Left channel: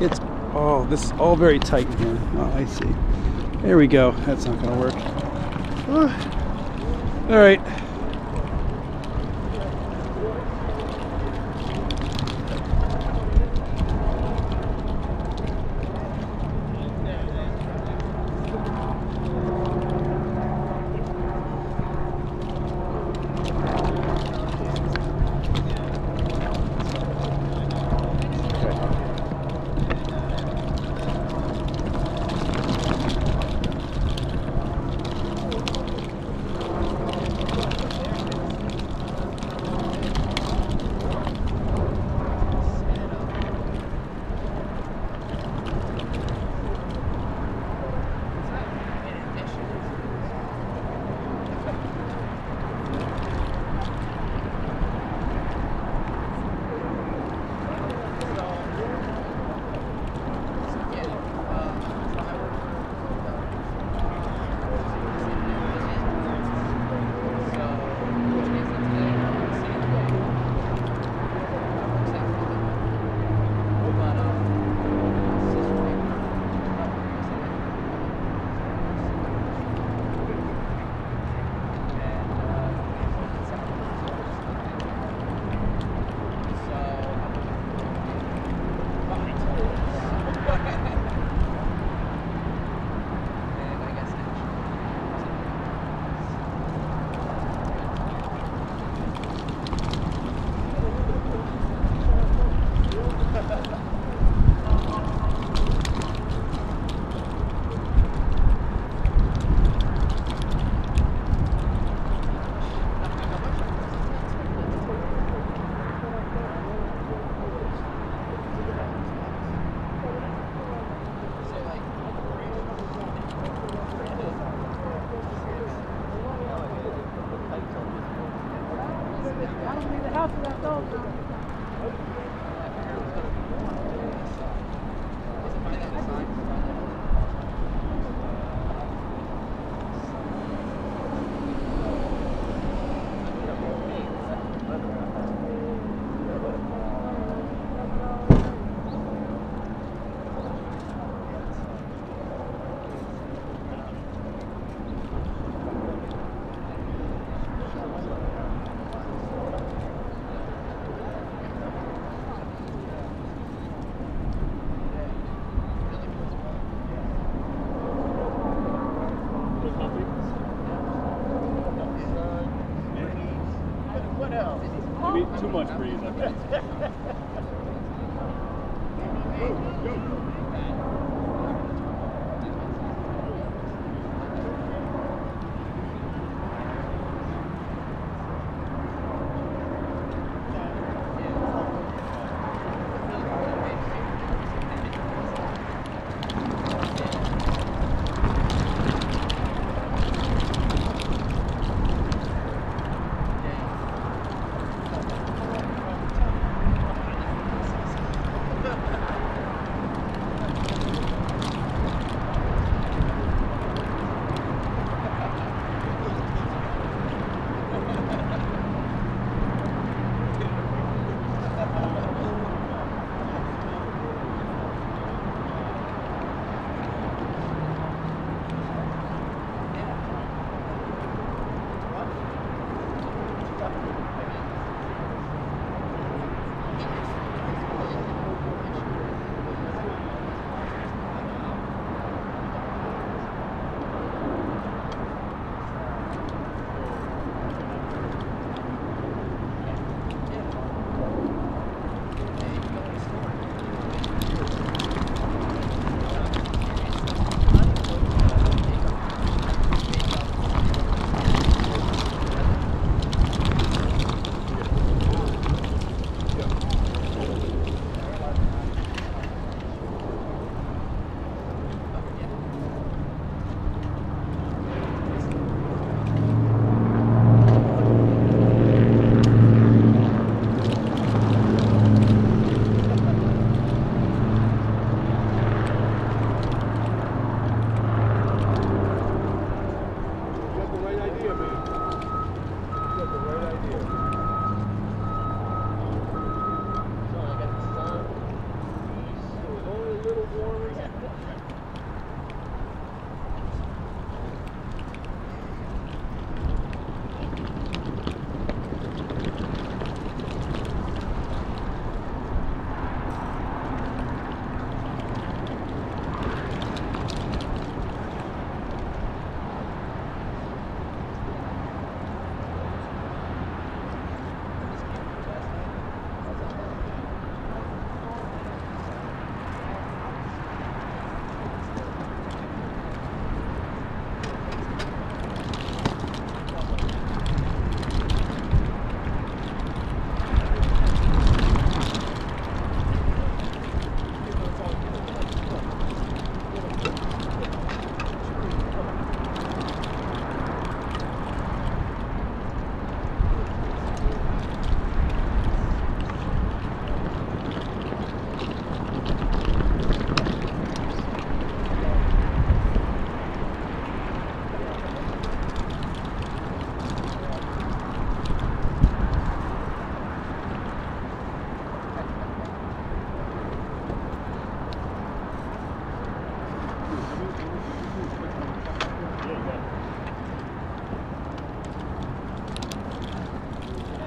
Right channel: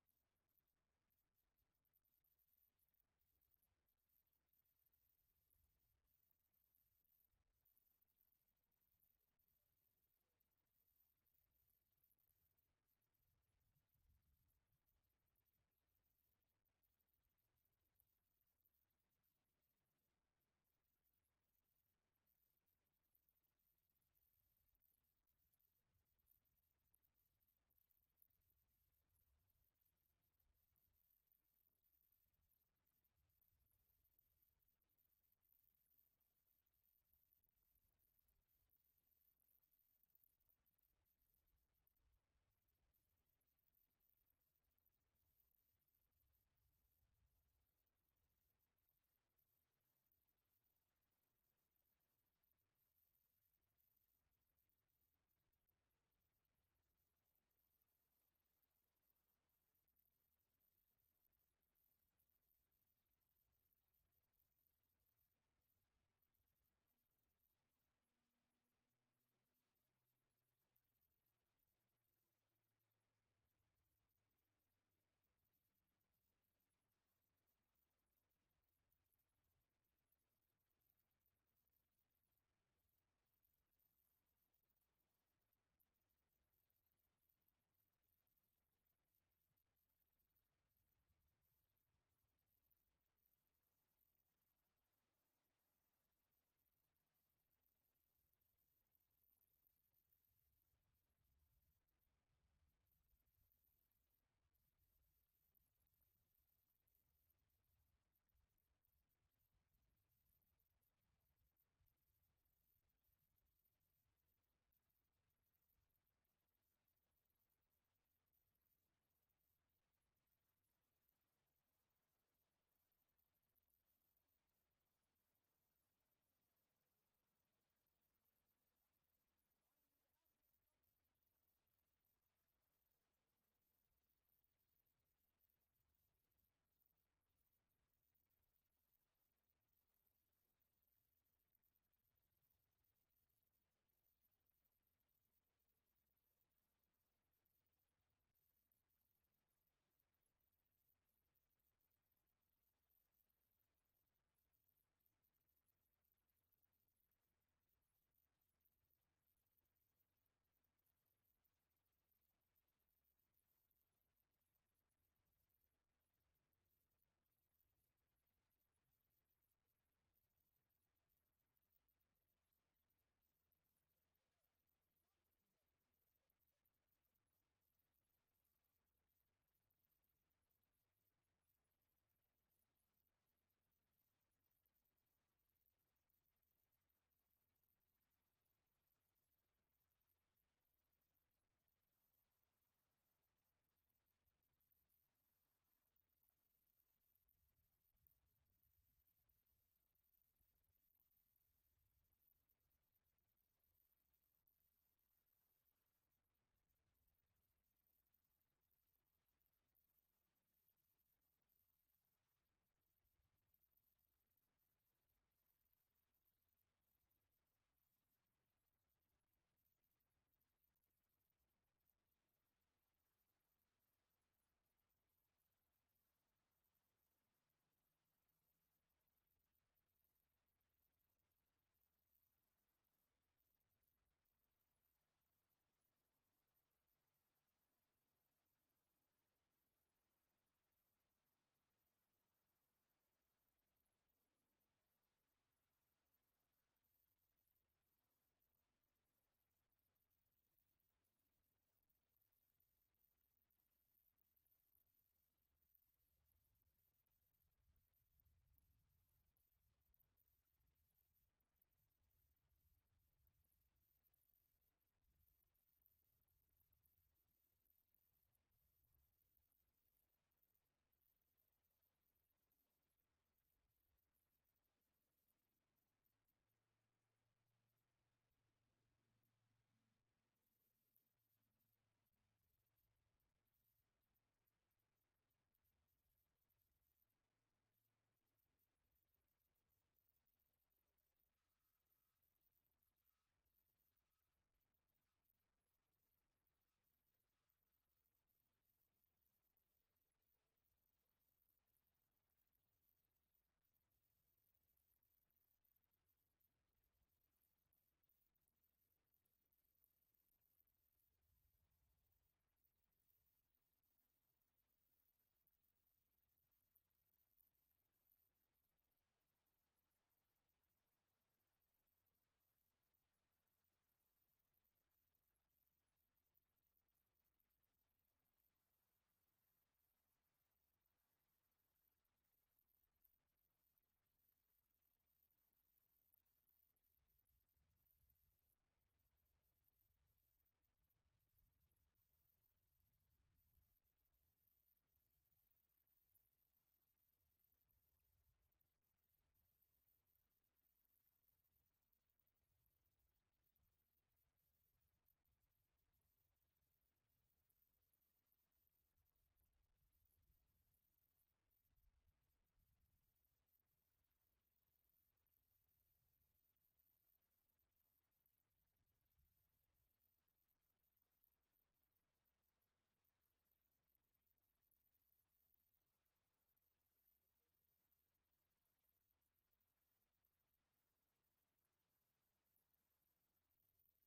It's, oh, this is all very tight in here. Oh, I see. There we go. That's not going to work. All right. Too much breeze.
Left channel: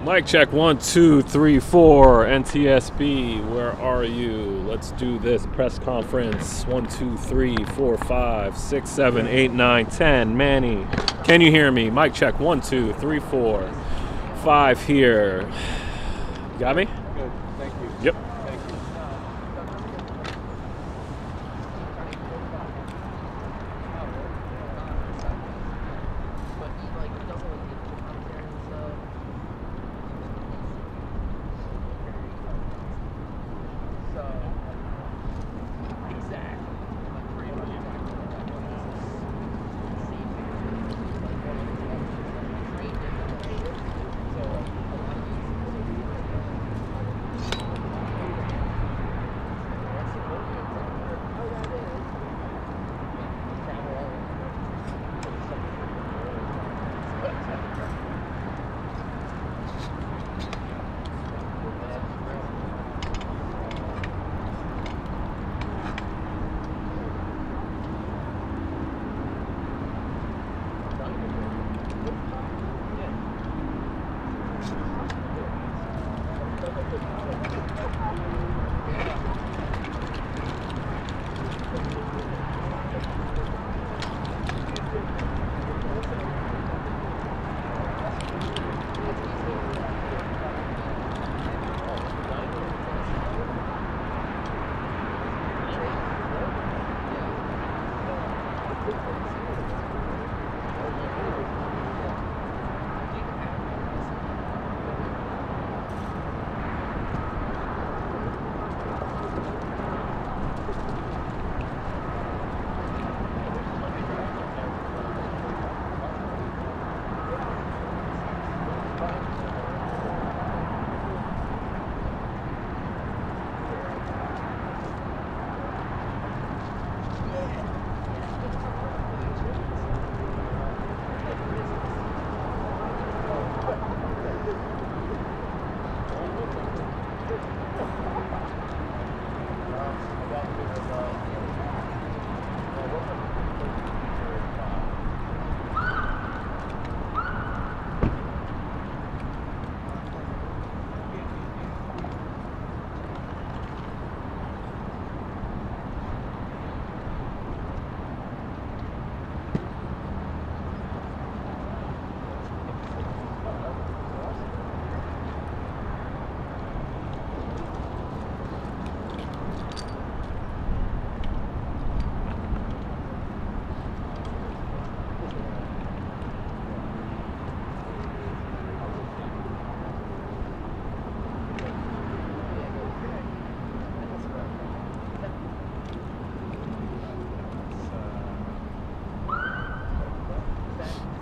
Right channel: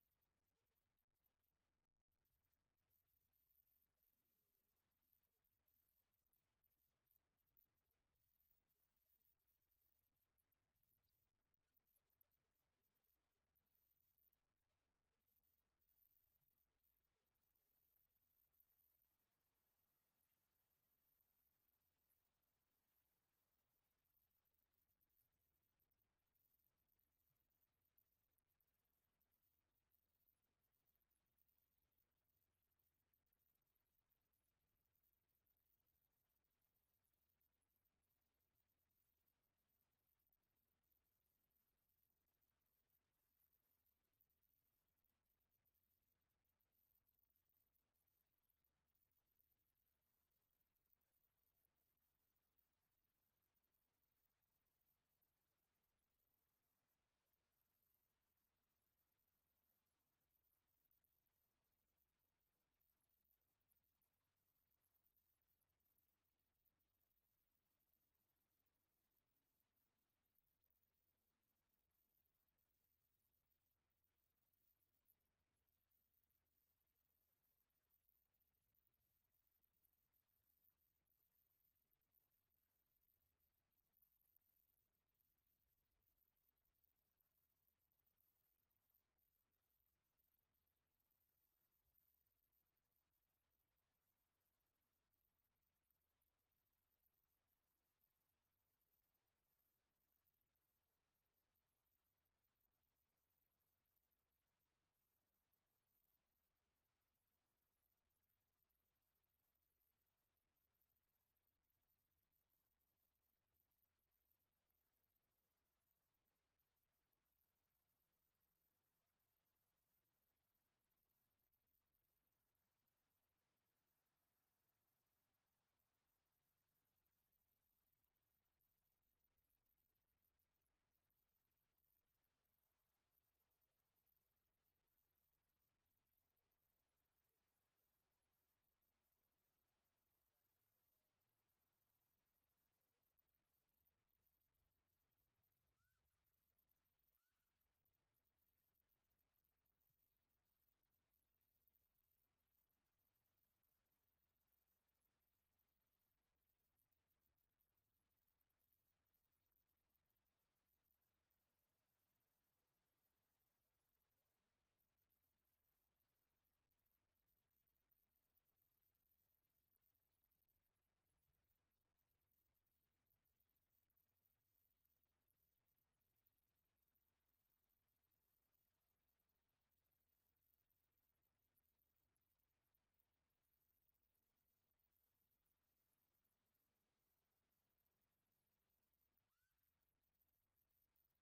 Mic check 1, 2, 3, 4. NTSB, where are you? Let's do this press conference. 1, 2, 3, 4, 5, 6, 7, 8, 9, 10. Manny, can you hear me? Mic check 1, 2, 3, 4, 5 here. You got me? Good. Thank you. Yep. Thank you.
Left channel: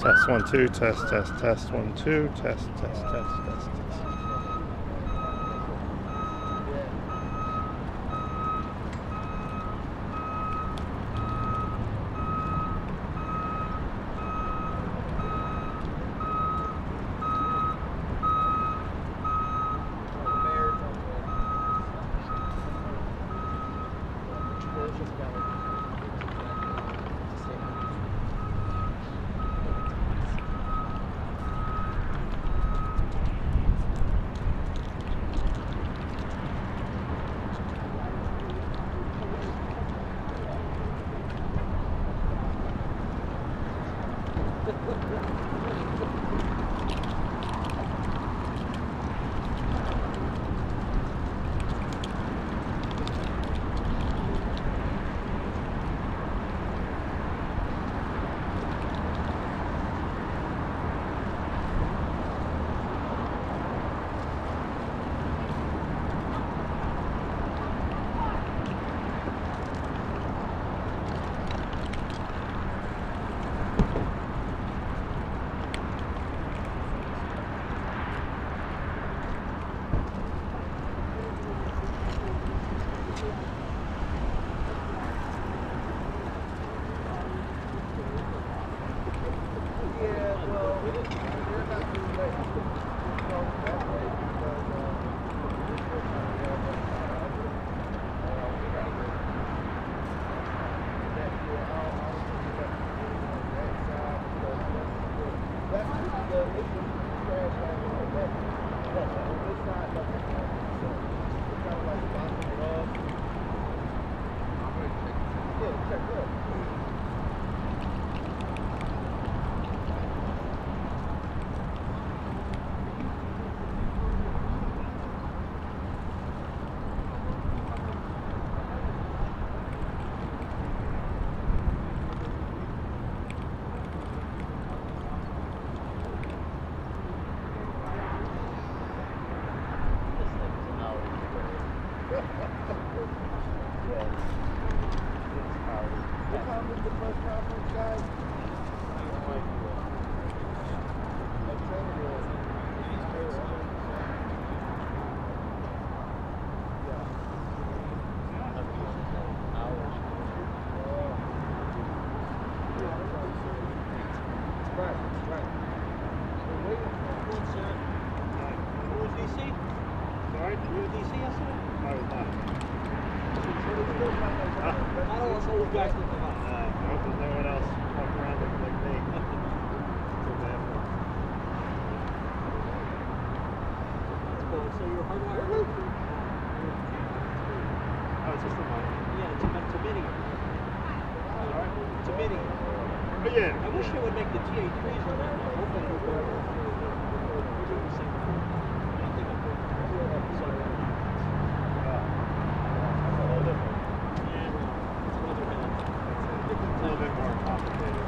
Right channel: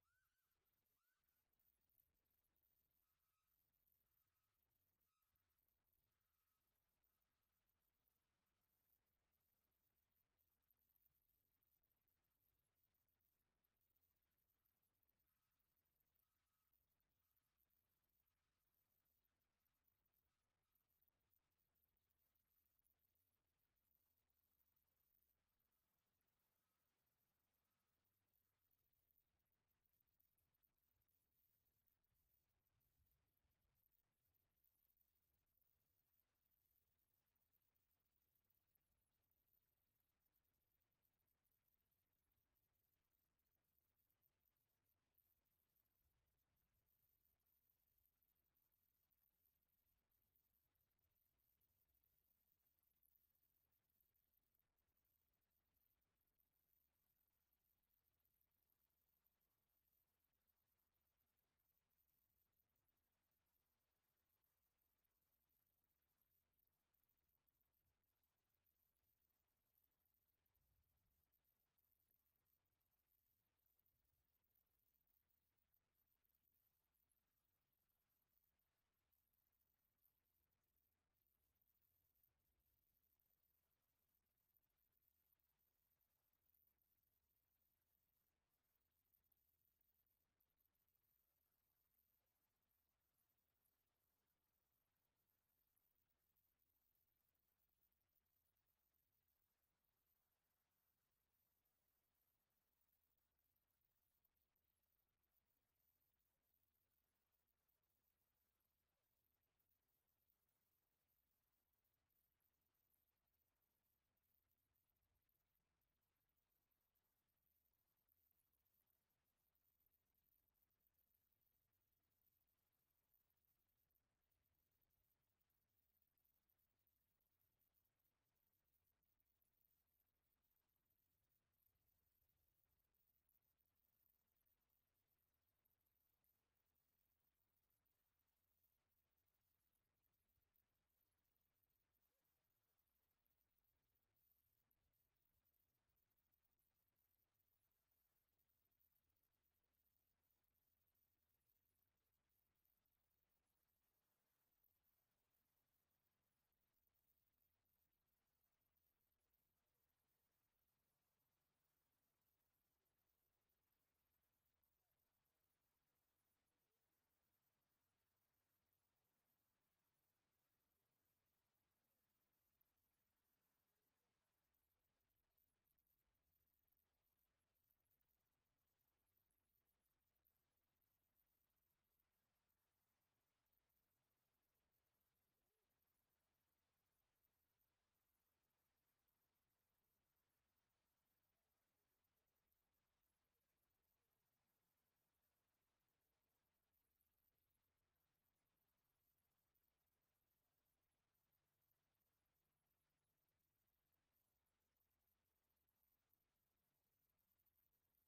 Test 1 2 test 1 2 test. I wish they would make the TA3s on that. I hope they don't go over. We're doing the same thing. I think I'm doing it. Sorry. Yeah, it's another band. It's a little bit more complicated.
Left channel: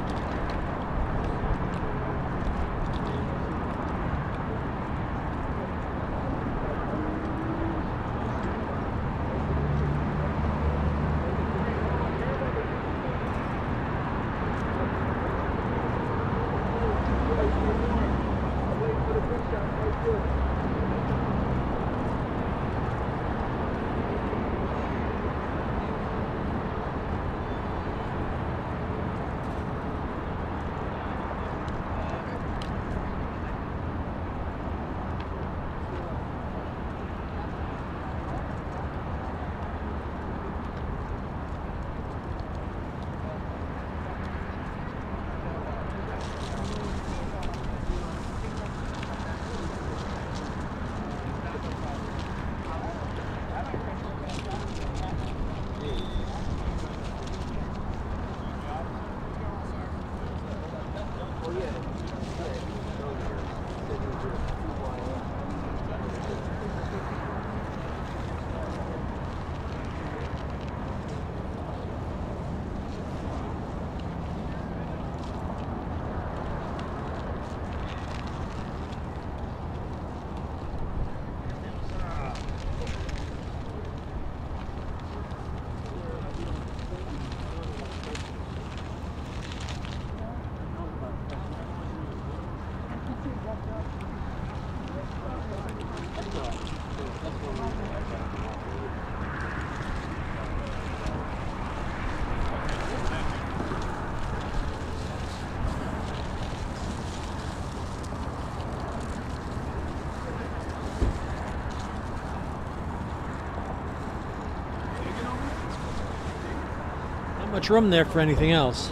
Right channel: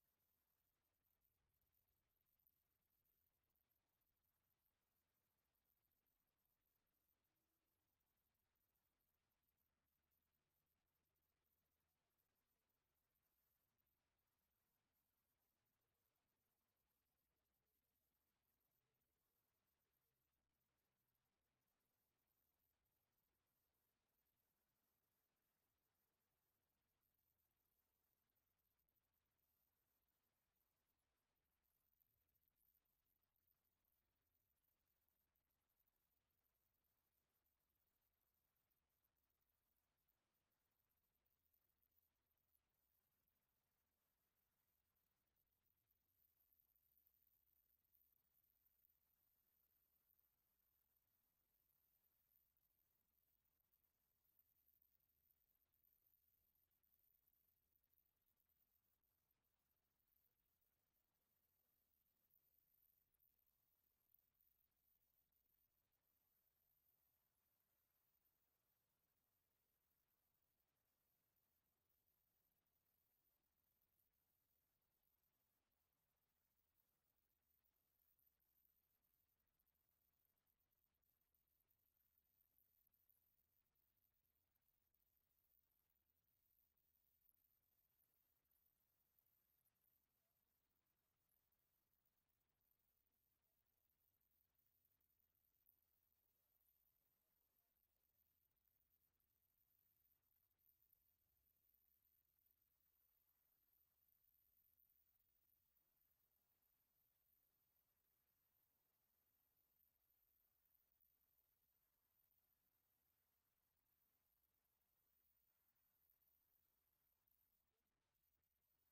Much room there for anything else.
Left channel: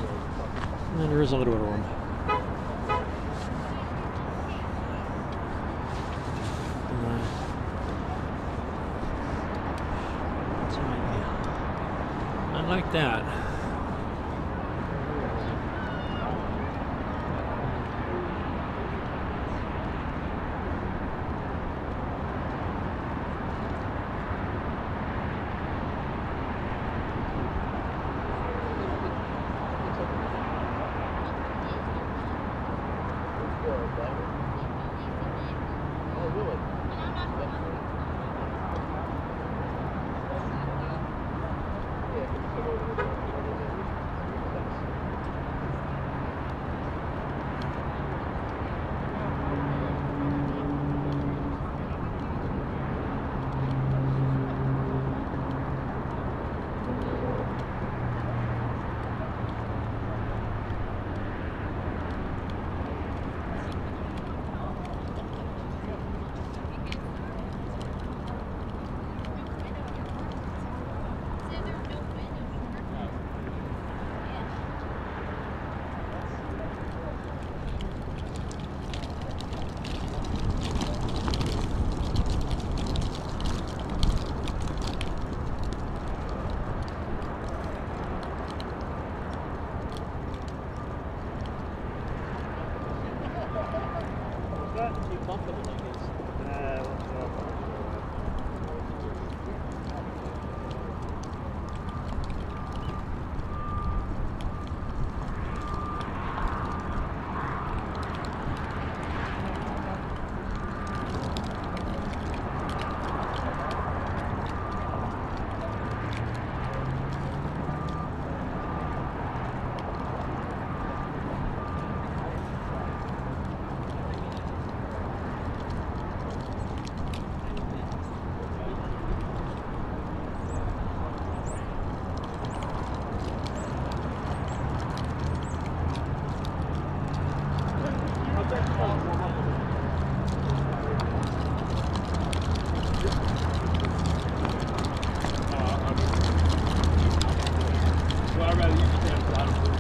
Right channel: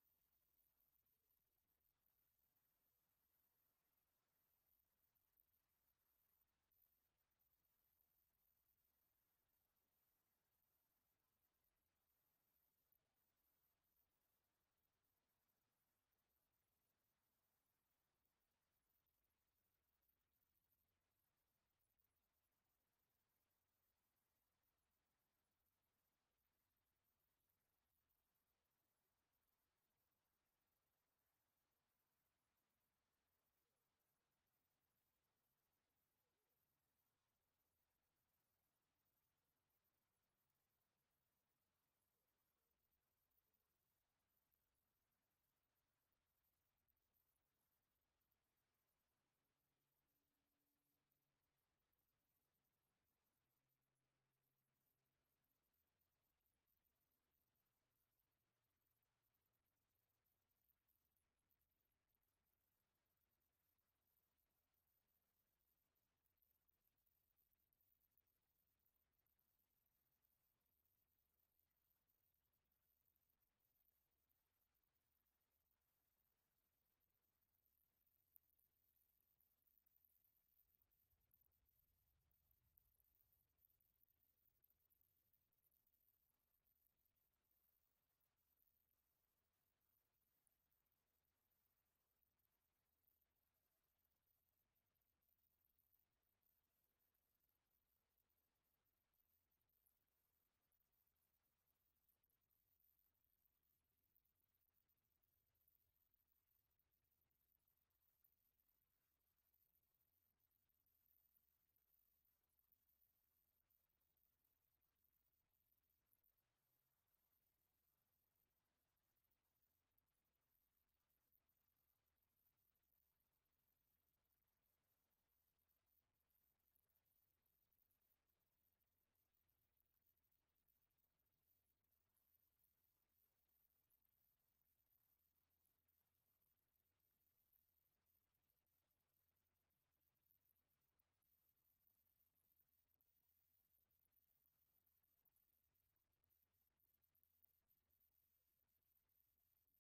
And then there is a little bit of room. I like that. I'd rather use translatable.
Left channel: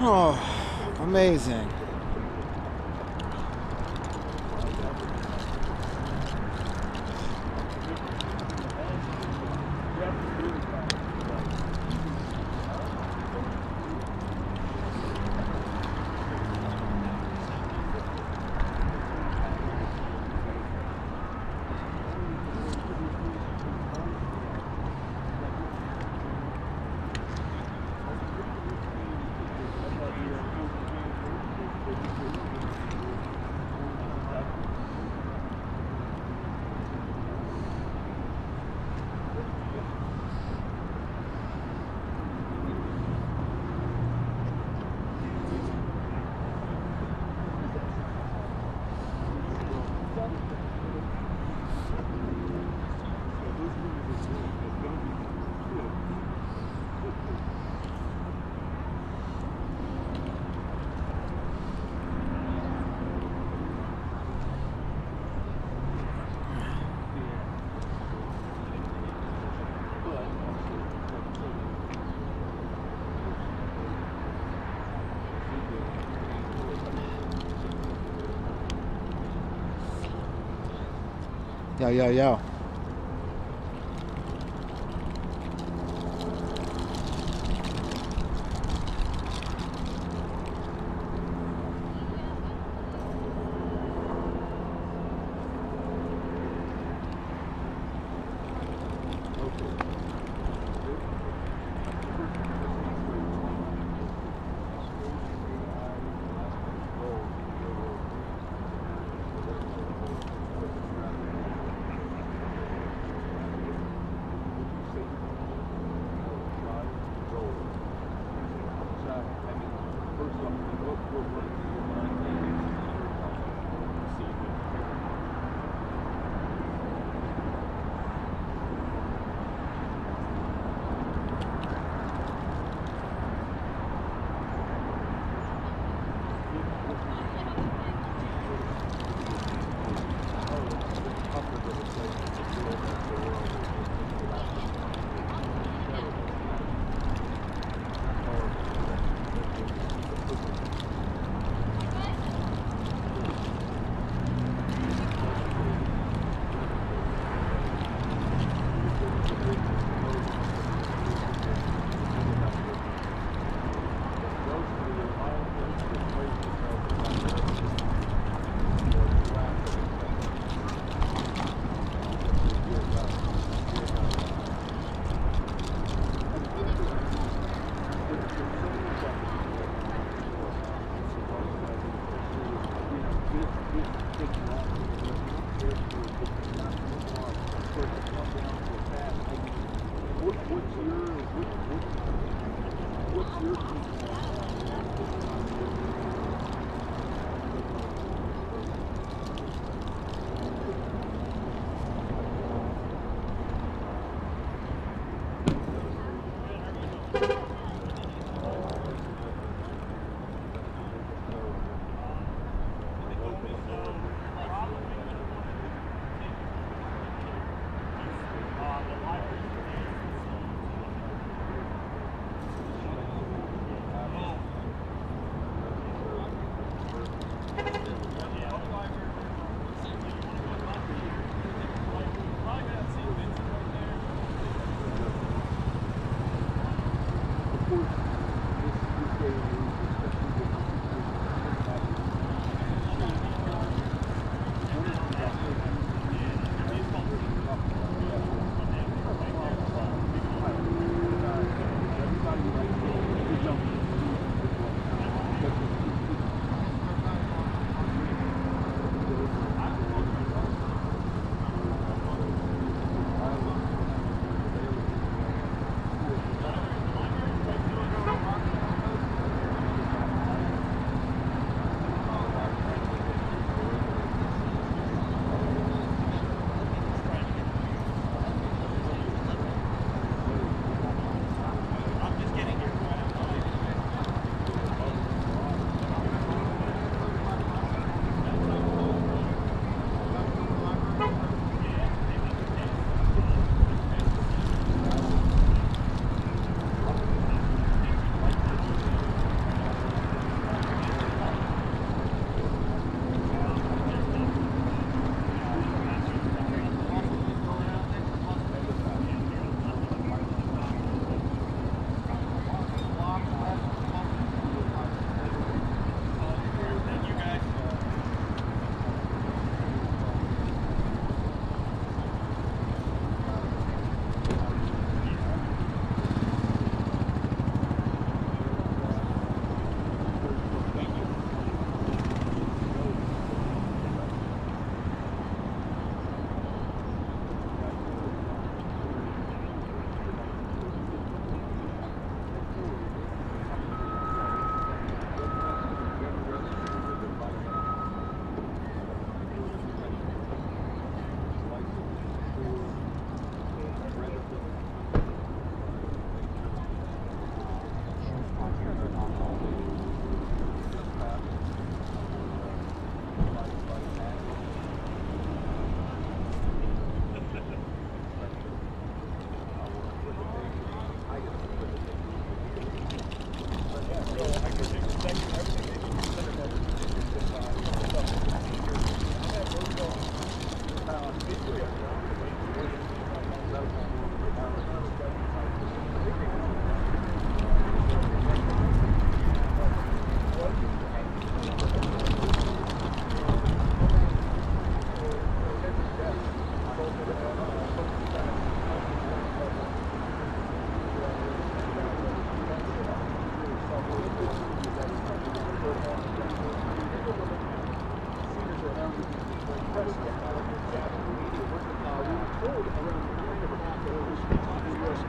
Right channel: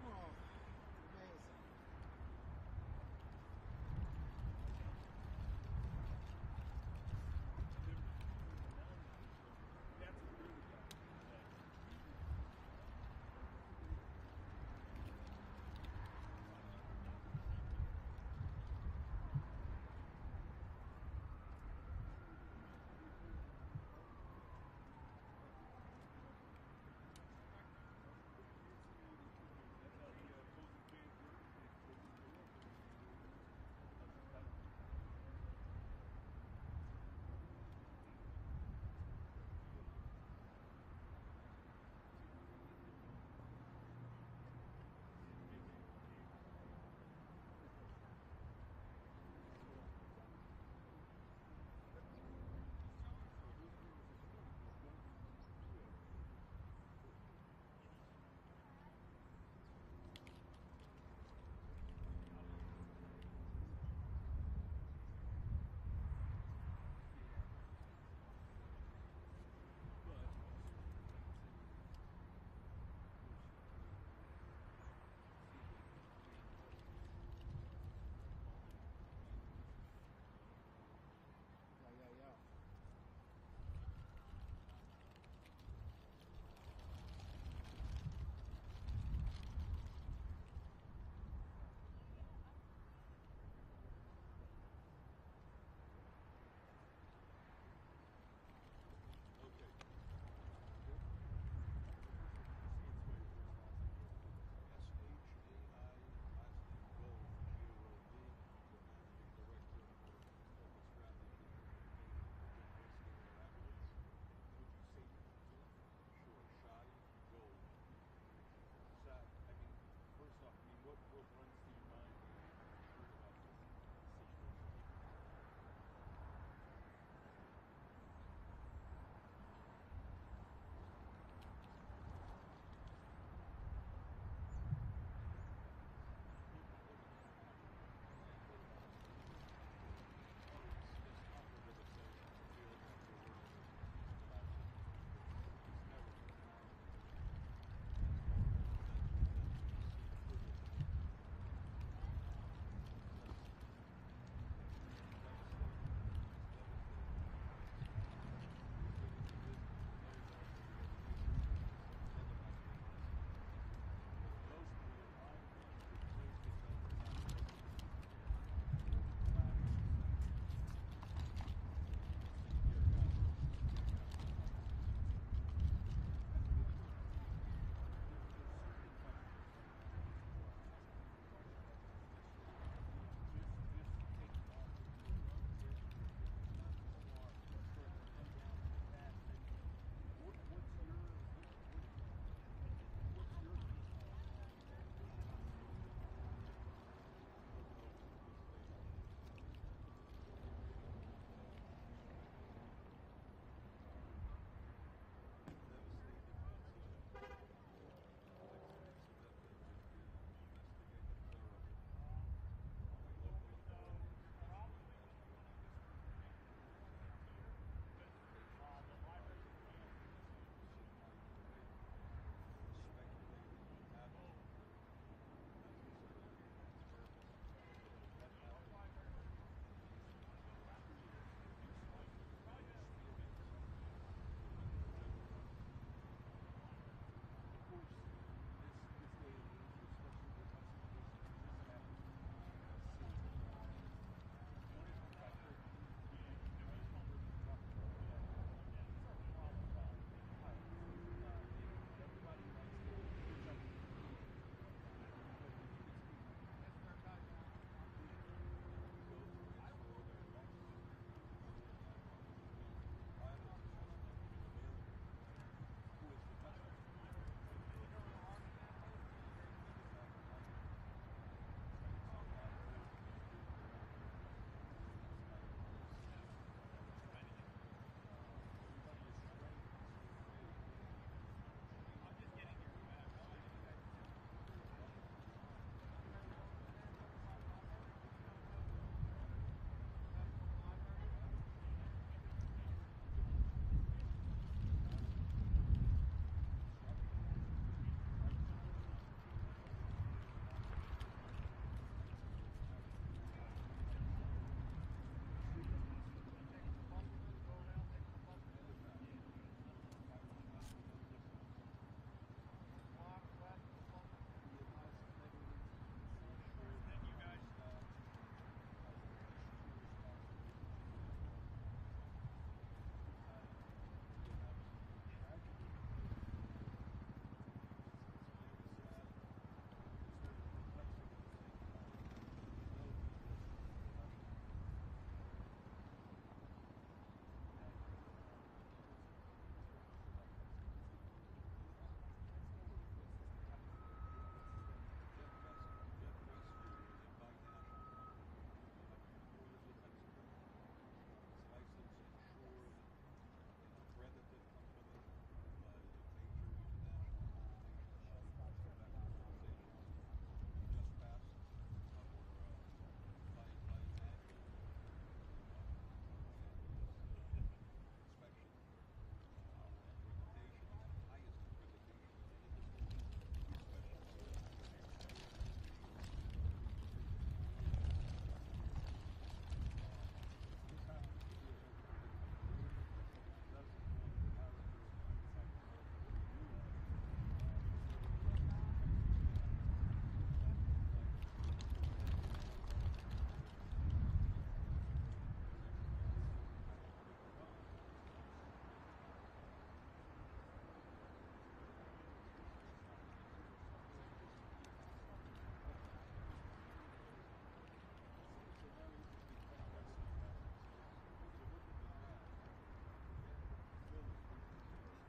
Oh, amazing. Yo, yo, yo.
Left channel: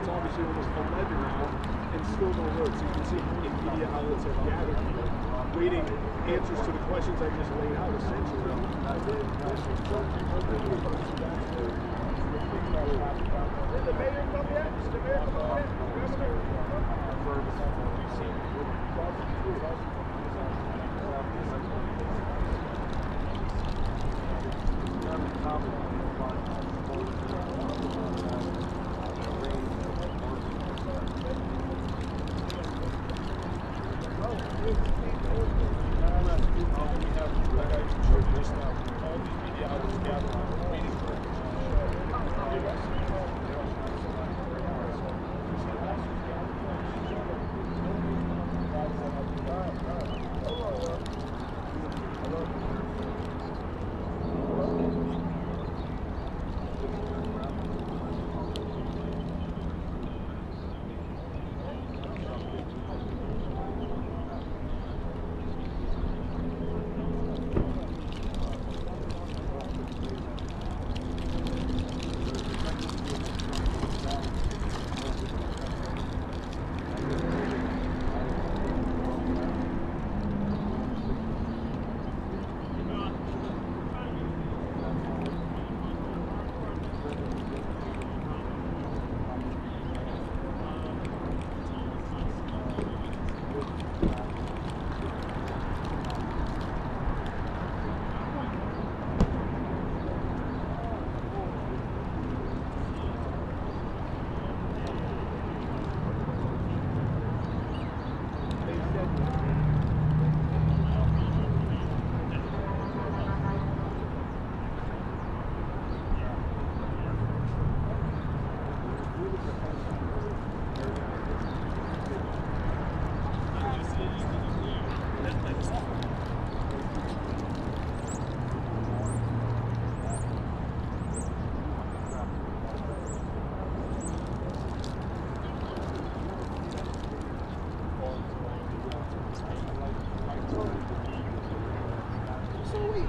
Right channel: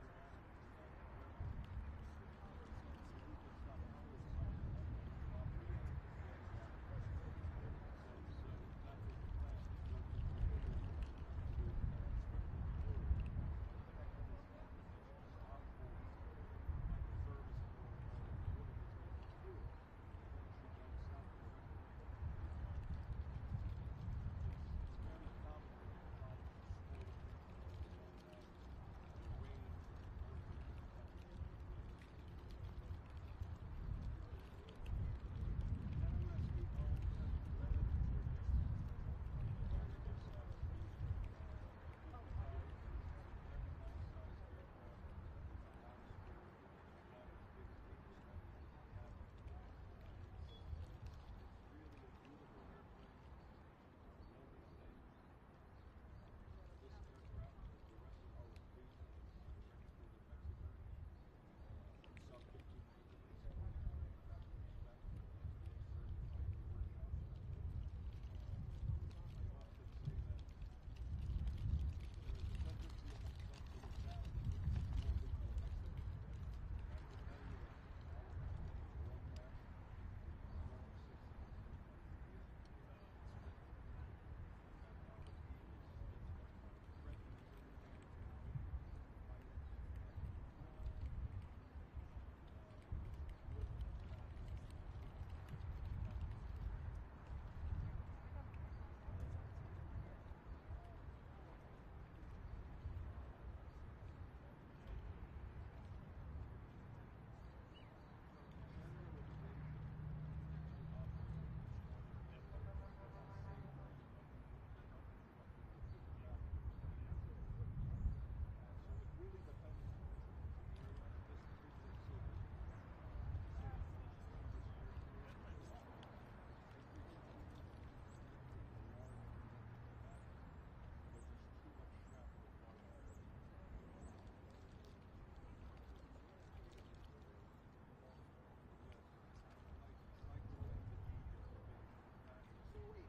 It's obviously almost 11 now, and still no word. So you can see how many media outlets have gathered here, waiting answers to the questions I just laid out, essentially. Did the mayor come yet? Did the mayor come yet?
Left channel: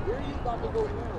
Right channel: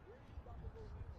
Where are you about to go now?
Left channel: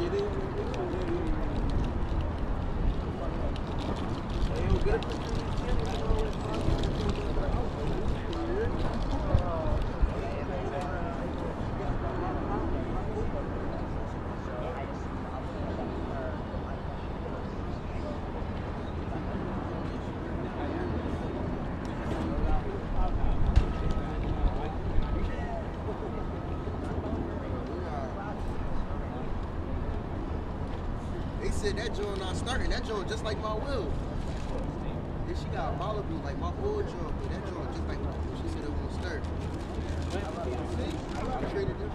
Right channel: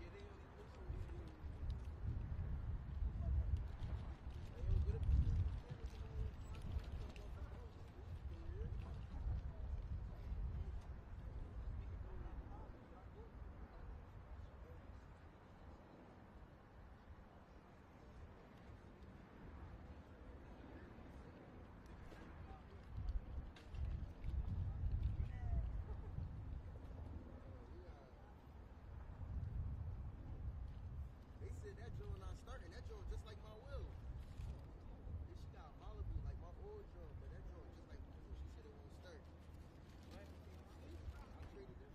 They said that joint not starting. That joint just like my will. Then she got a Malibu like my old joint, but that joint just like she said it won't start. I traded them.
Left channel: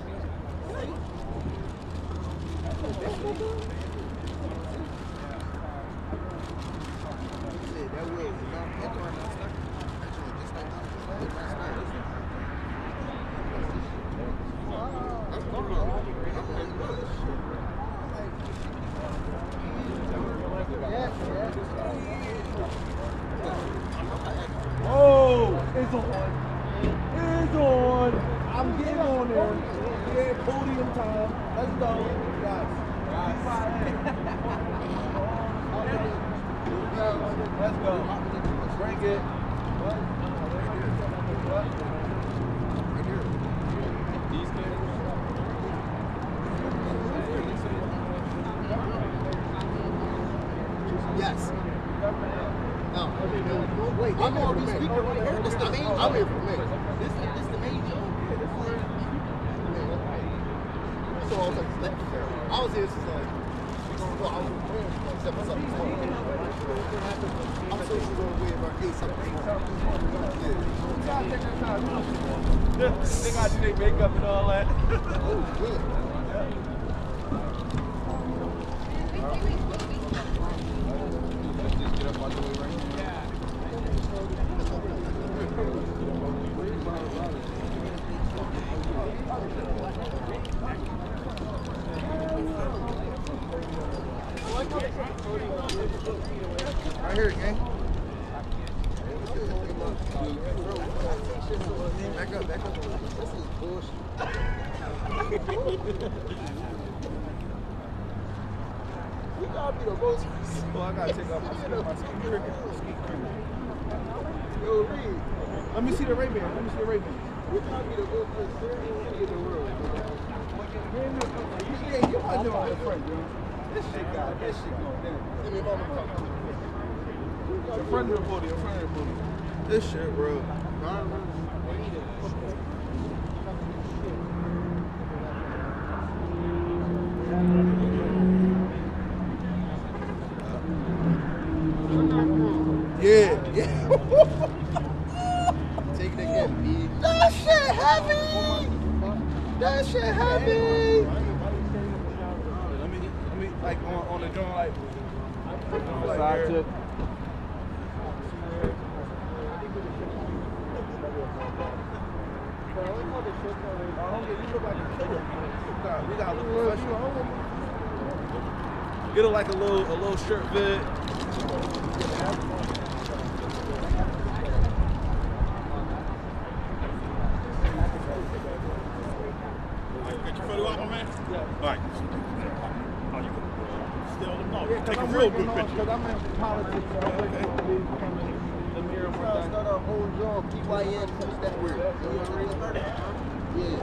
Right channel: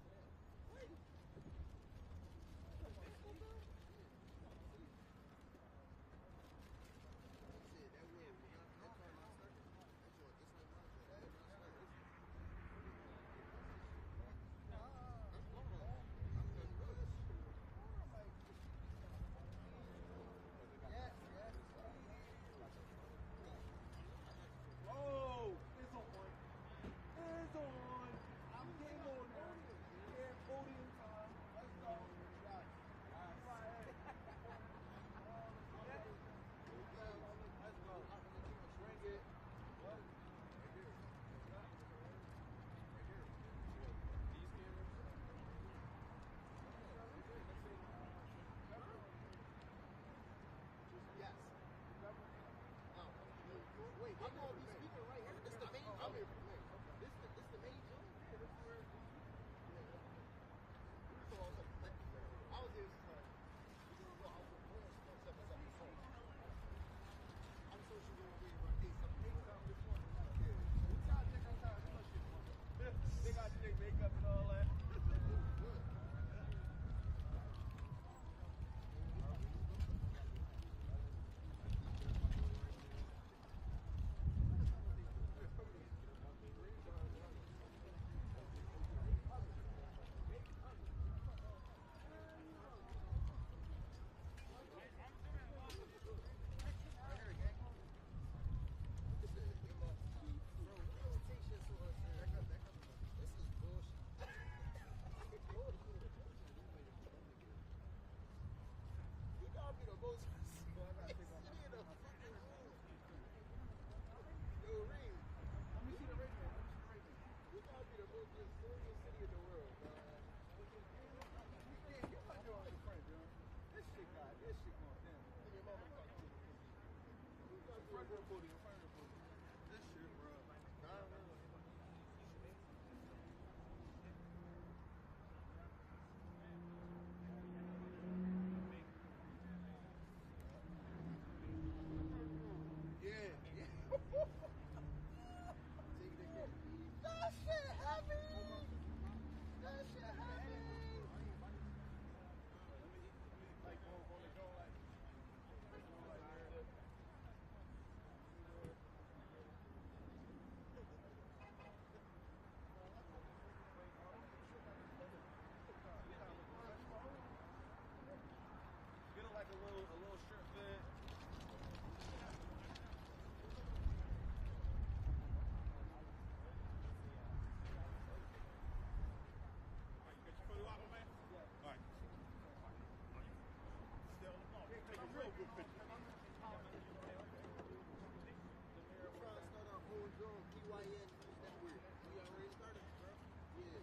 She said that will not that joint not starting. That joint just like my will not start. Oh, it's on. It's on. I'm getting on there. Yeah, podium time. Let's go. Guys. Let's go. Bring it. Yes. No. Wait, I'm on the speaker right here. This the main. I'm here for me. This the main joke. So I was like, I was here since like, well, I was preparing for 7 something. I'm sure she's gonna win about 8 something. Yeah. They got to do their makeup and all that. Oh, yeah. Right here, gang. Back up, back up. This is bullshit. We gotta be the most. Well, I gotta take off my ski. Yo, Reed. Let me see the Ray-Ban. Let me see the Ray-Ban. We gotta be the most conservative in the world. Yeah, you might know my friend, bro. This shit going down. In front of the podium, in front of the podium. This shit, bro. Yeah, yeah. Take it again, B. That shit heavy. That shit heavy. Let me like on the joint, like Side tip. We got a little professional. Get it like a little shirt vid. Get your photo out, my man? Yeah. All right. Oh, you can still take a I'm real working good on, picture. because I'm in politics, so I'm waiting for me to become the mayor of my Start a whole job, PYN, that word. You already started? Yeah.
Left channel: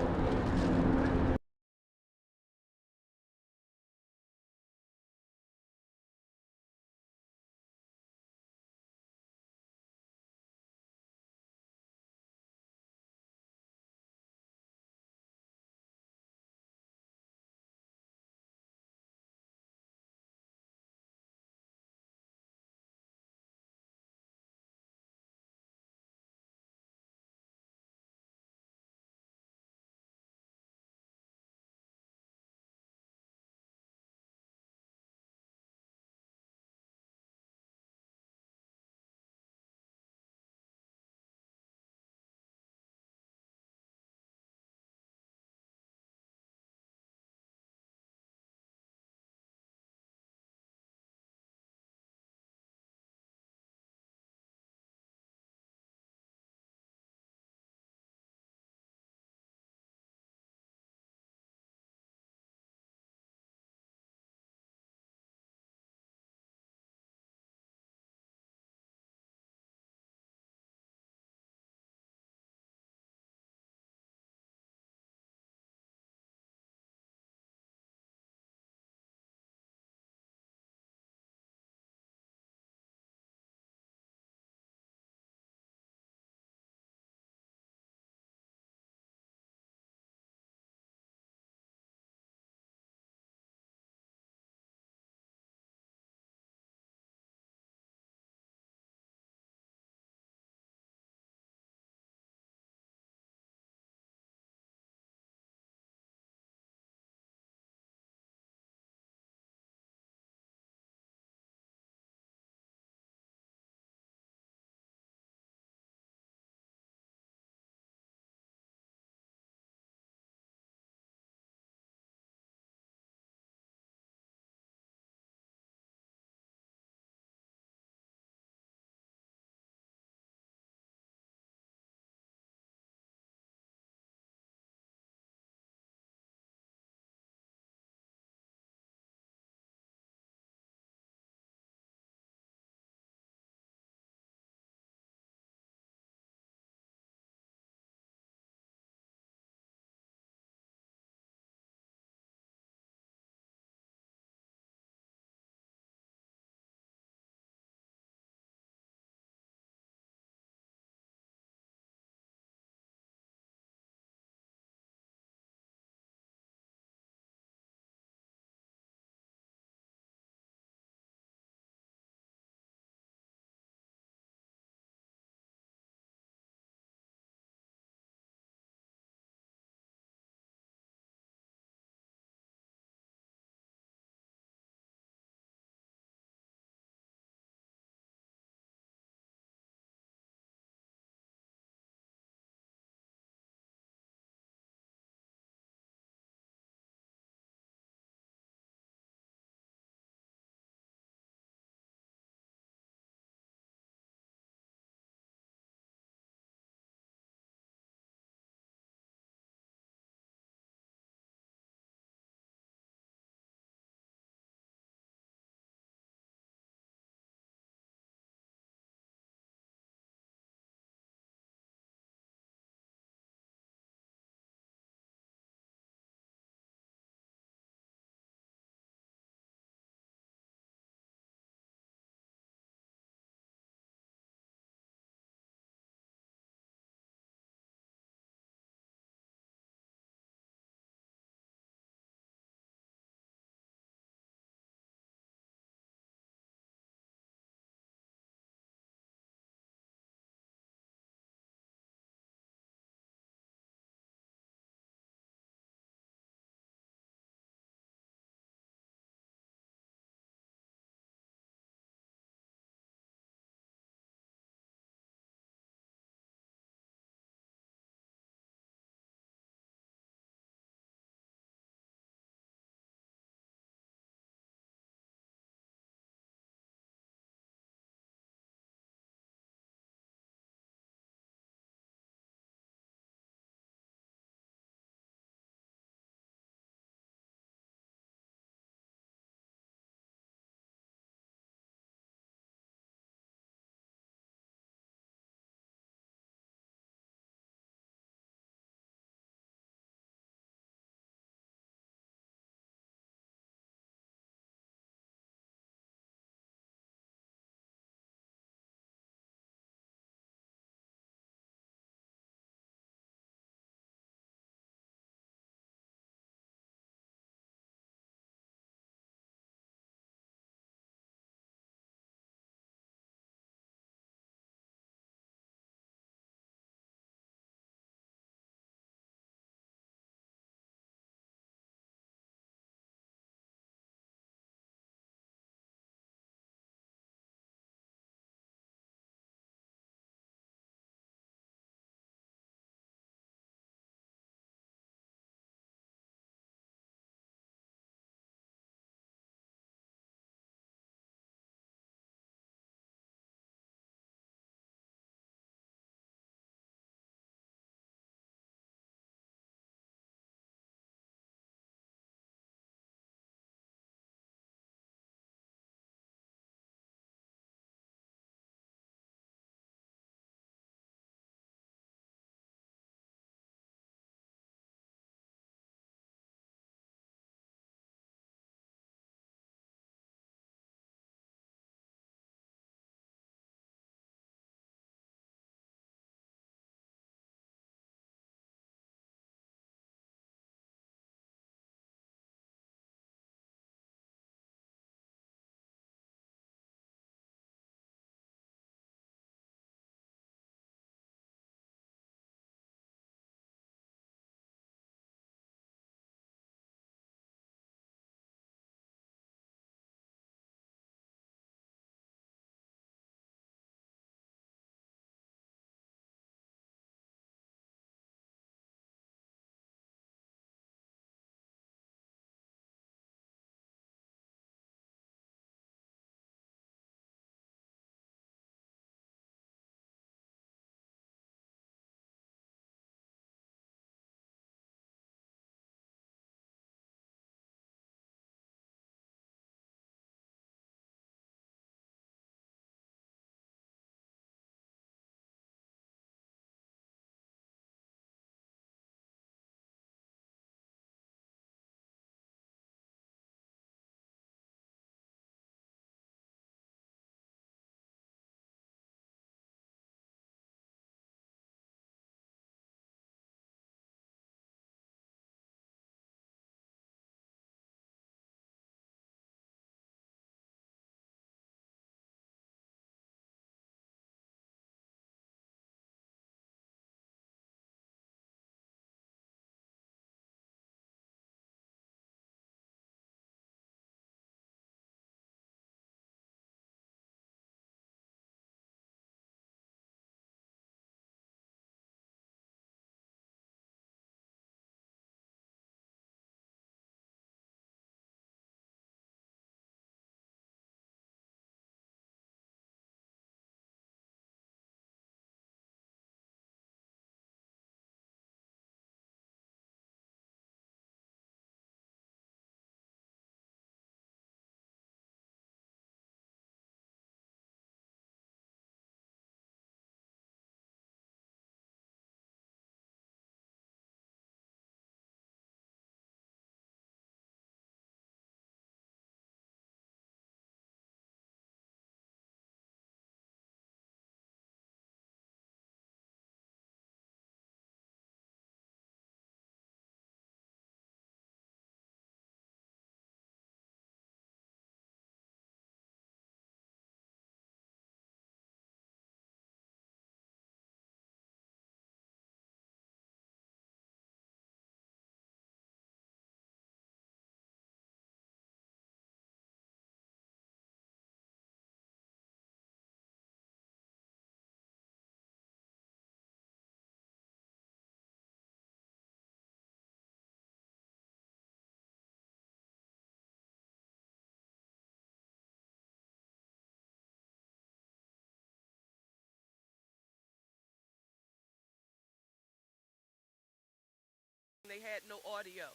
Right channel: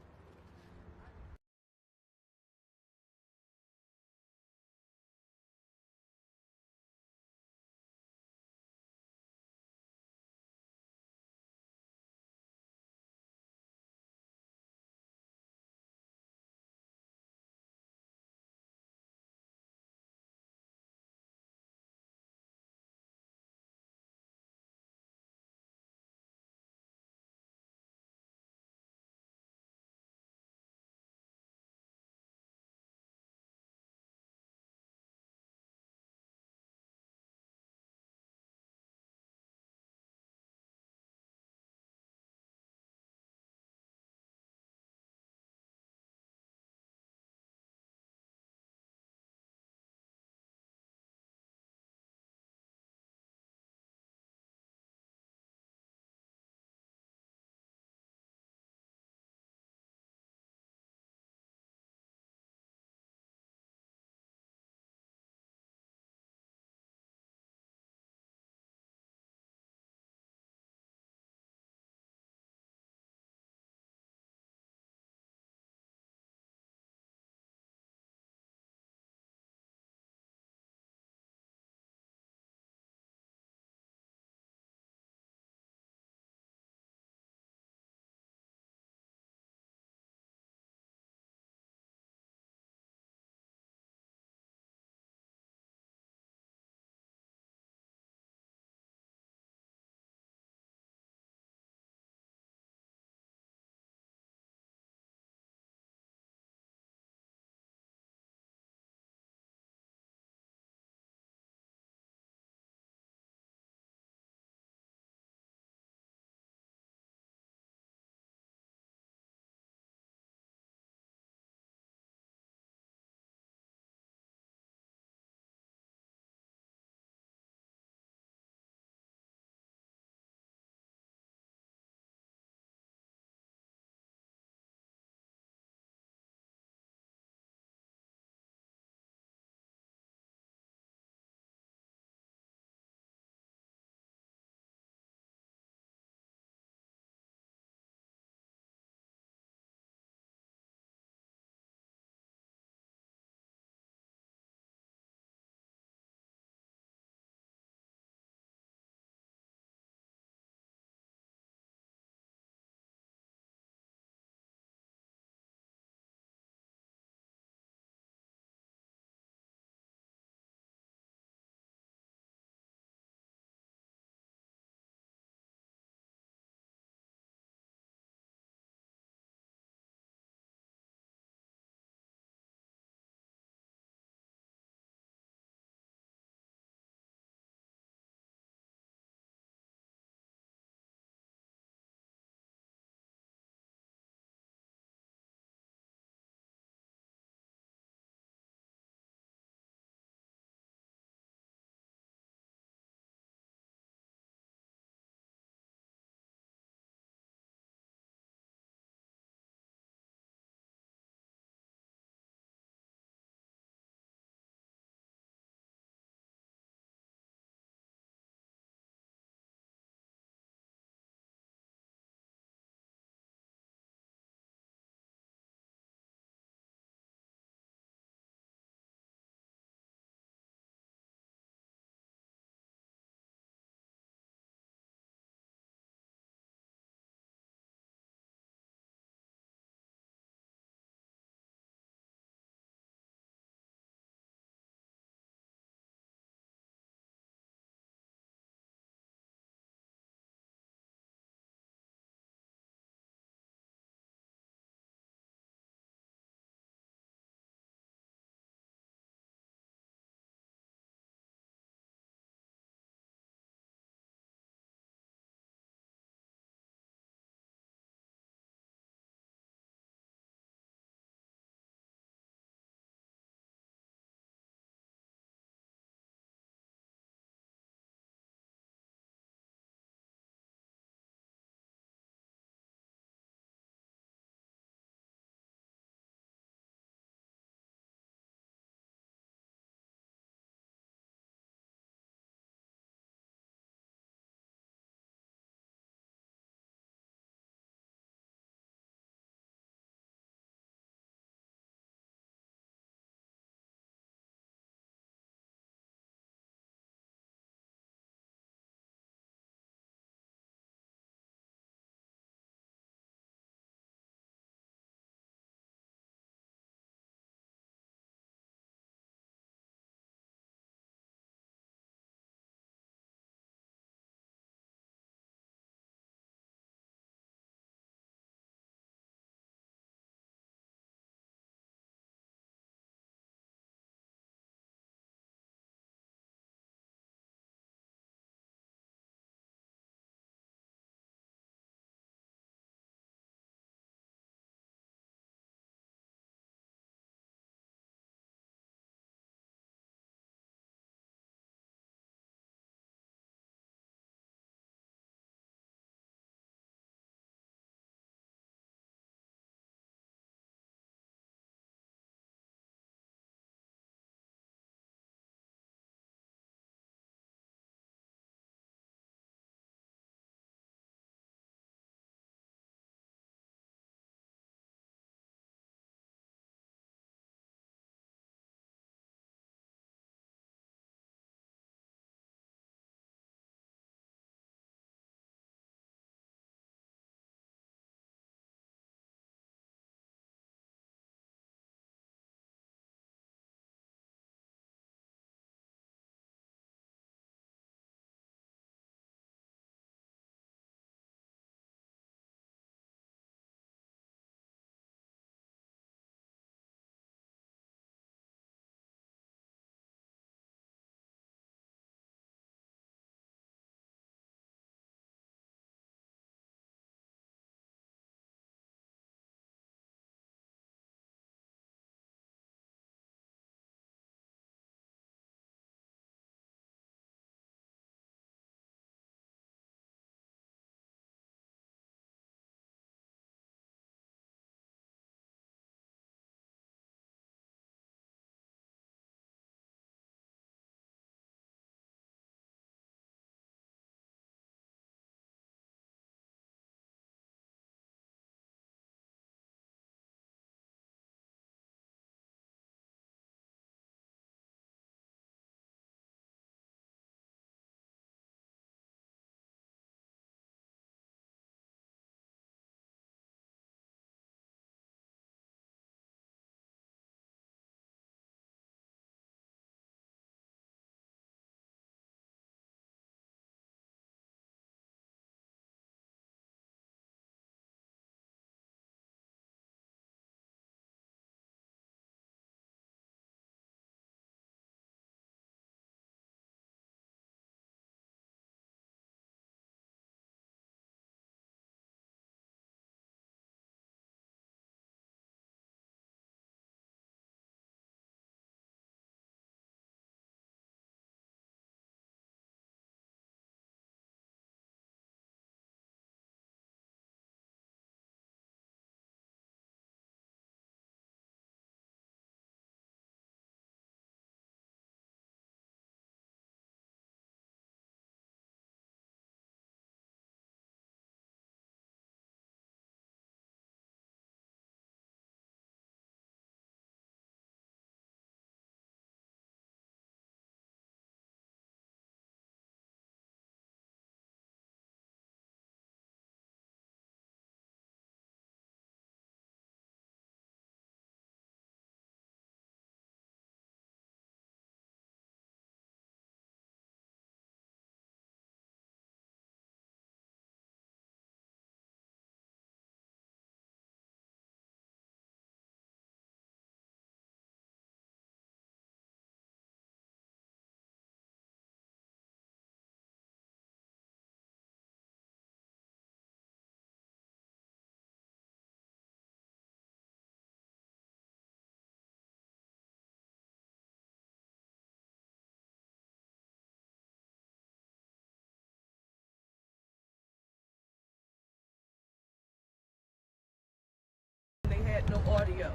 had no audio.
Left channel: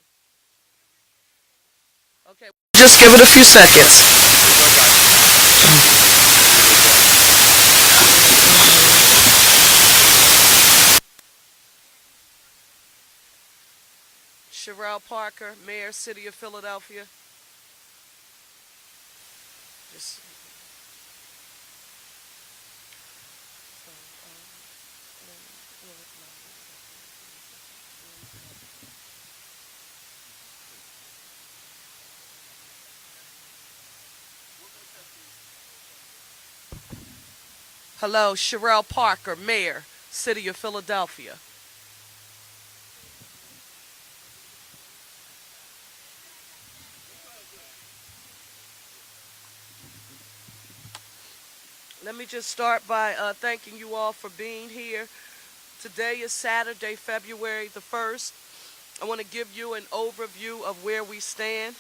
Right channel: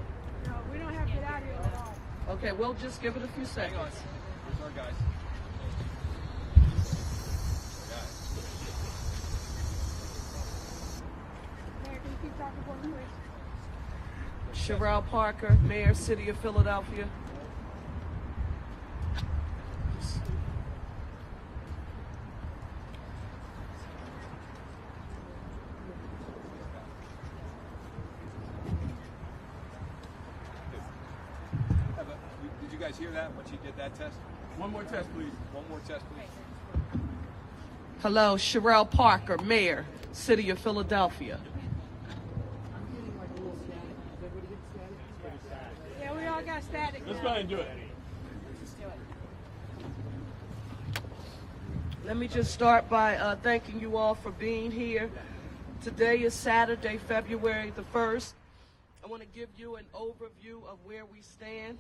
No, we don't have good audio at all. Okay, we'll just give it a few seconds. Mayor, can you keep talking for me, please? Sherelle Parker, Mayor, City of Philadelphia. Did you guys hear that when she did that test? One more test, please. One more test, please. Hello, Sherelle Parker, Mayor, City of Philadelphia. Yeah, we all got static. Let's now. go ahead and do it. Let me just start by thanking you all for being here. Today is Saturday, February the 1st. I want to give you an overview of where we stand.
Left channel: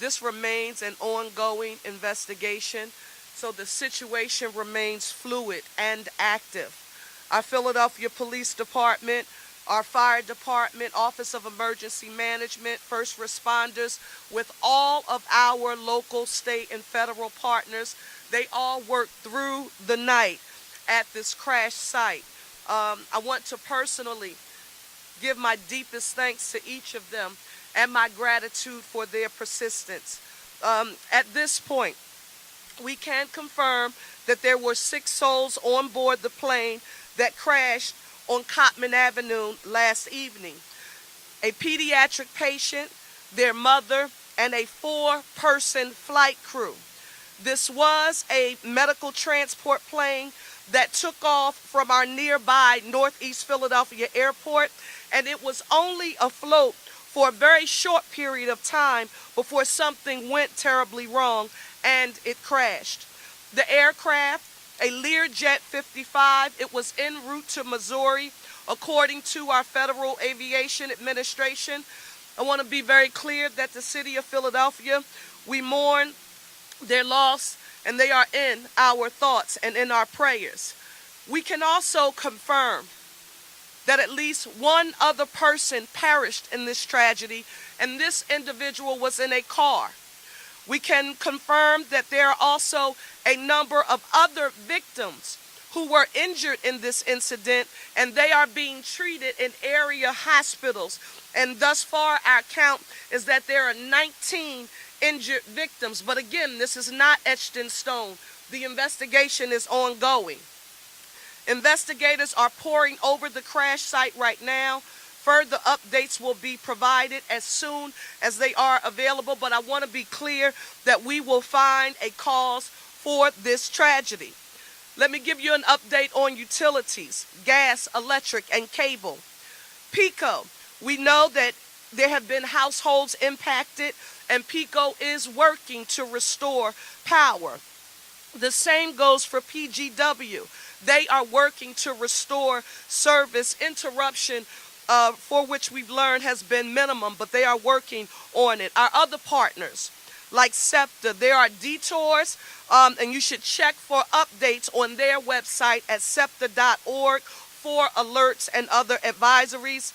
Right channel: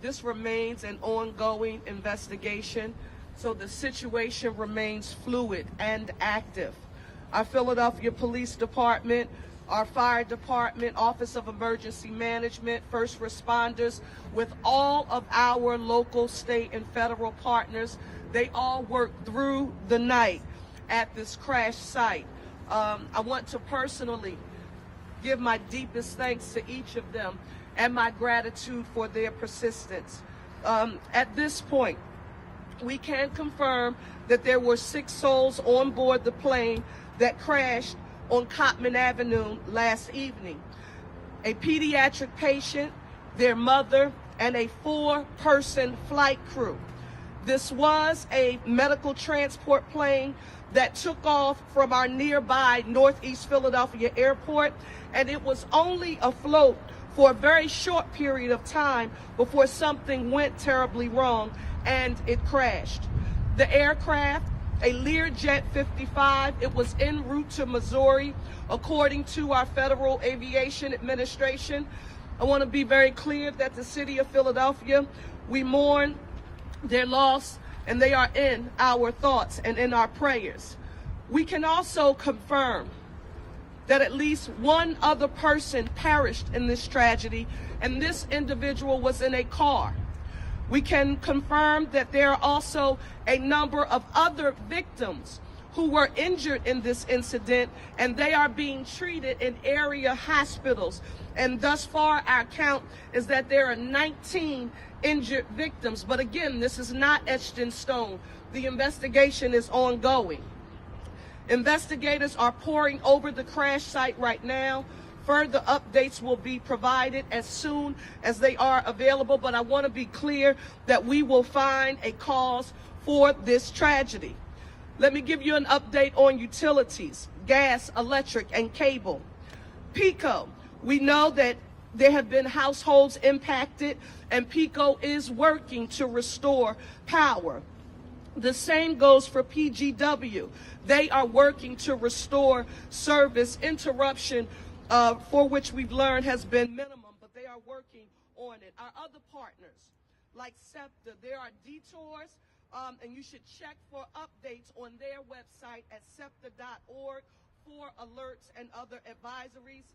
This remains an ongoing investigation, so the situation remains fluid and active. Our Philadelphia Police Department, our Fire Department, Office of Emergency Management, first responders, with all of our local, state, and federal partners, they all worked through the night at this crash site. I want to personally give my deepest thanks to each of them and my gratitude for their persistence. At this point, we can confirm that there were 6 souls on board the plane that crashed on Cottman Avenue last evening. A pediatric patient, their mother, and a 4-person flight crew. This was a medical transport plane that took off from our nearby Northeast Philadelphia airport, and it was only afloat for a very short period of time before something went terribly wrong and it crashed. The aircraft, a Learjet 55, it was en route to Missouri, according to our Federal Aviation Administration. I want to be very clear that the City of Philadelphia, we mourn their loss, and they are in our thoughts and in our prayers. We can also confirm that at least one other person perished in this tragedy, and this individual was in a car. We can confirm that there are also a number of other victims who were injured in this incident, and they are being treated in area hospitals. And thus far, our count is that there are 19 injured victims. But again, this is not etched in stone. The investigation is ongoing. Investigators are poring over the crash site right now. Further updates will be provided as soon as they are available, but I want to be clear that we will find a cause for this tragedy. Let me give you an update on utilities, gas, electric, and cable. PECO, we know that there have been households impacted, and PECO is working to restore power. The same goes for PGW. They are working to restore service. Interruption, for which we've learned has been minimum, but they are working on it. Our other partners, like SEPTA, there are detours, and you should check for updates on their website at septa.org for alerts and other advisories.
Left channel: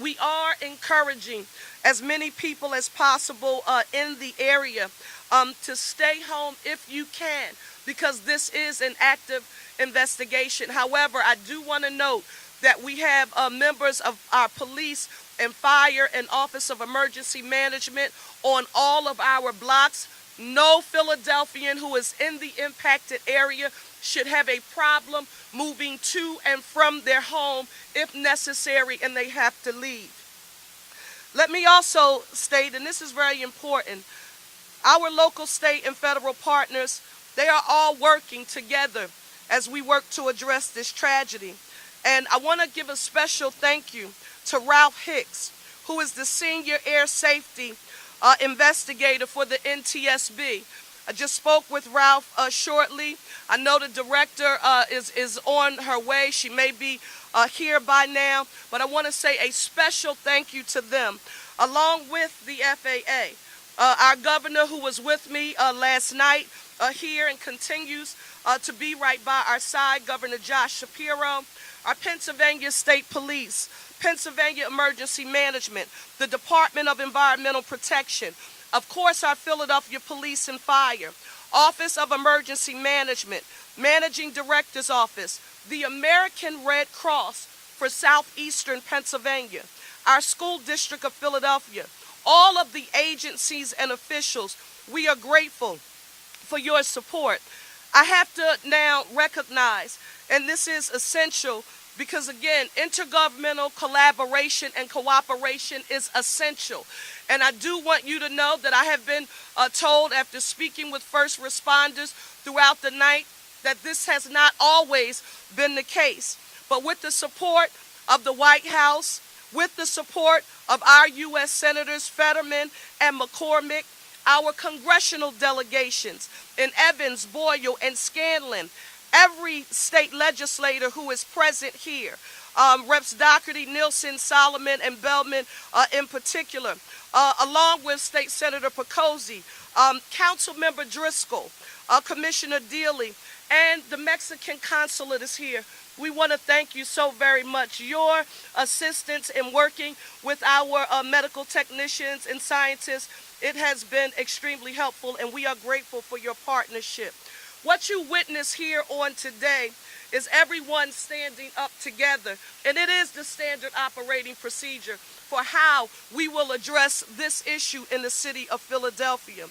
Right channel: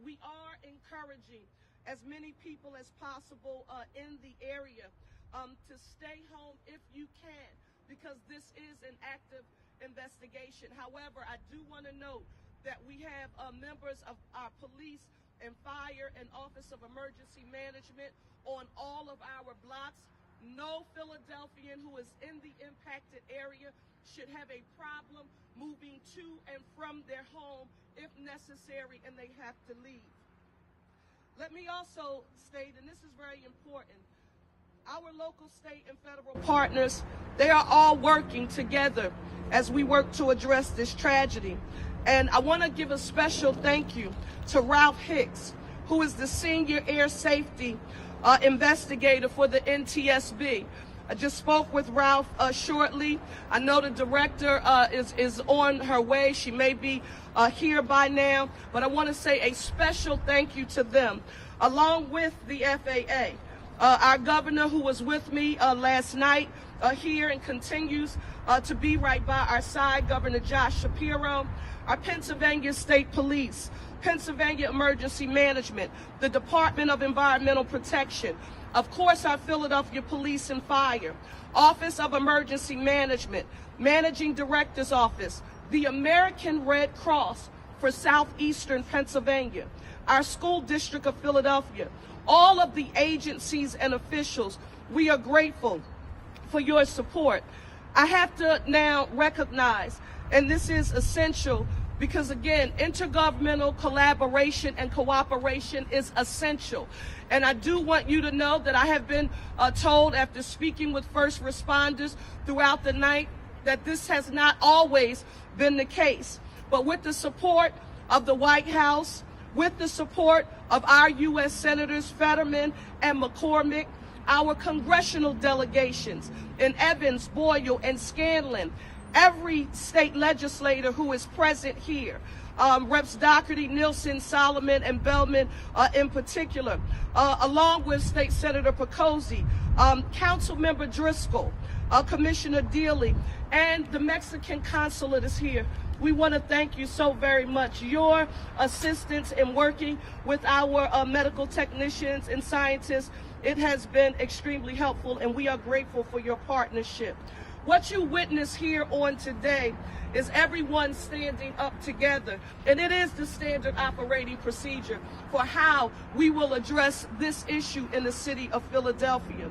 We are encouraging as many people as possible in the area to stay home if you can, because this is an active investigation. However, I do want to note that we have members of our police and fire and Office of Emergency Management on all of our blocks. No Philadelphian who is in the impacted area should have a problem moving to and from their home if necessary and they have to leave. Let me also state, and this is very important, our local, state, and federal partners, they are all working together as we work to address this tragedy. And I want to give a special thank you to Ralph Hicks, who is the senior air safety investigator for the NTSB. I just spoke with Ralph shortly. I know the director is on her way. She may be here by now, but I want to say a special thank you to them, along with the FAA. Our governor, who was with me last night here and continues to be right by our side, Governor Josh Shapiro. Our Pennsylvania State Police, Pennsylvania Emergency Management, the Department of Environmental Protection, of course our Philadelphia Police and Fire, Office of Emergency Management, Managing Director's Office, the American Red Cross for Southeastern Pennsylvania, our School District of Philadelphia, all of the agencies and officials, we are grateful for your support. I have to now recognize, and this is essential because again, intergovernmental collaboration and cooperation is essential. And I do want you to know that I have been told after speaking with first responders throughout the night that this has not always been the case. But with the support of the White House, with the support of our U.S. Senators Fetterman and McCormick, our congressional delegations in Evans, Boyle, and Scanlon, every state legislator who is present here, Reps. Doherty, Nielsen, Solomon, and Bellman in particular, along with State Senator Picozzi, Councilmember Driscoll, Commissioner Dealey, and the Mexican consulate is here. We want to thank you so very much. Your assistance in working with our medical technicians and scientists, it has been extremely helpful, and we are grateful for your partnership. What you witness here on today is everyone standing up together, and it is the standard operating procedure for how we will address this issue in the city of Philadelphia.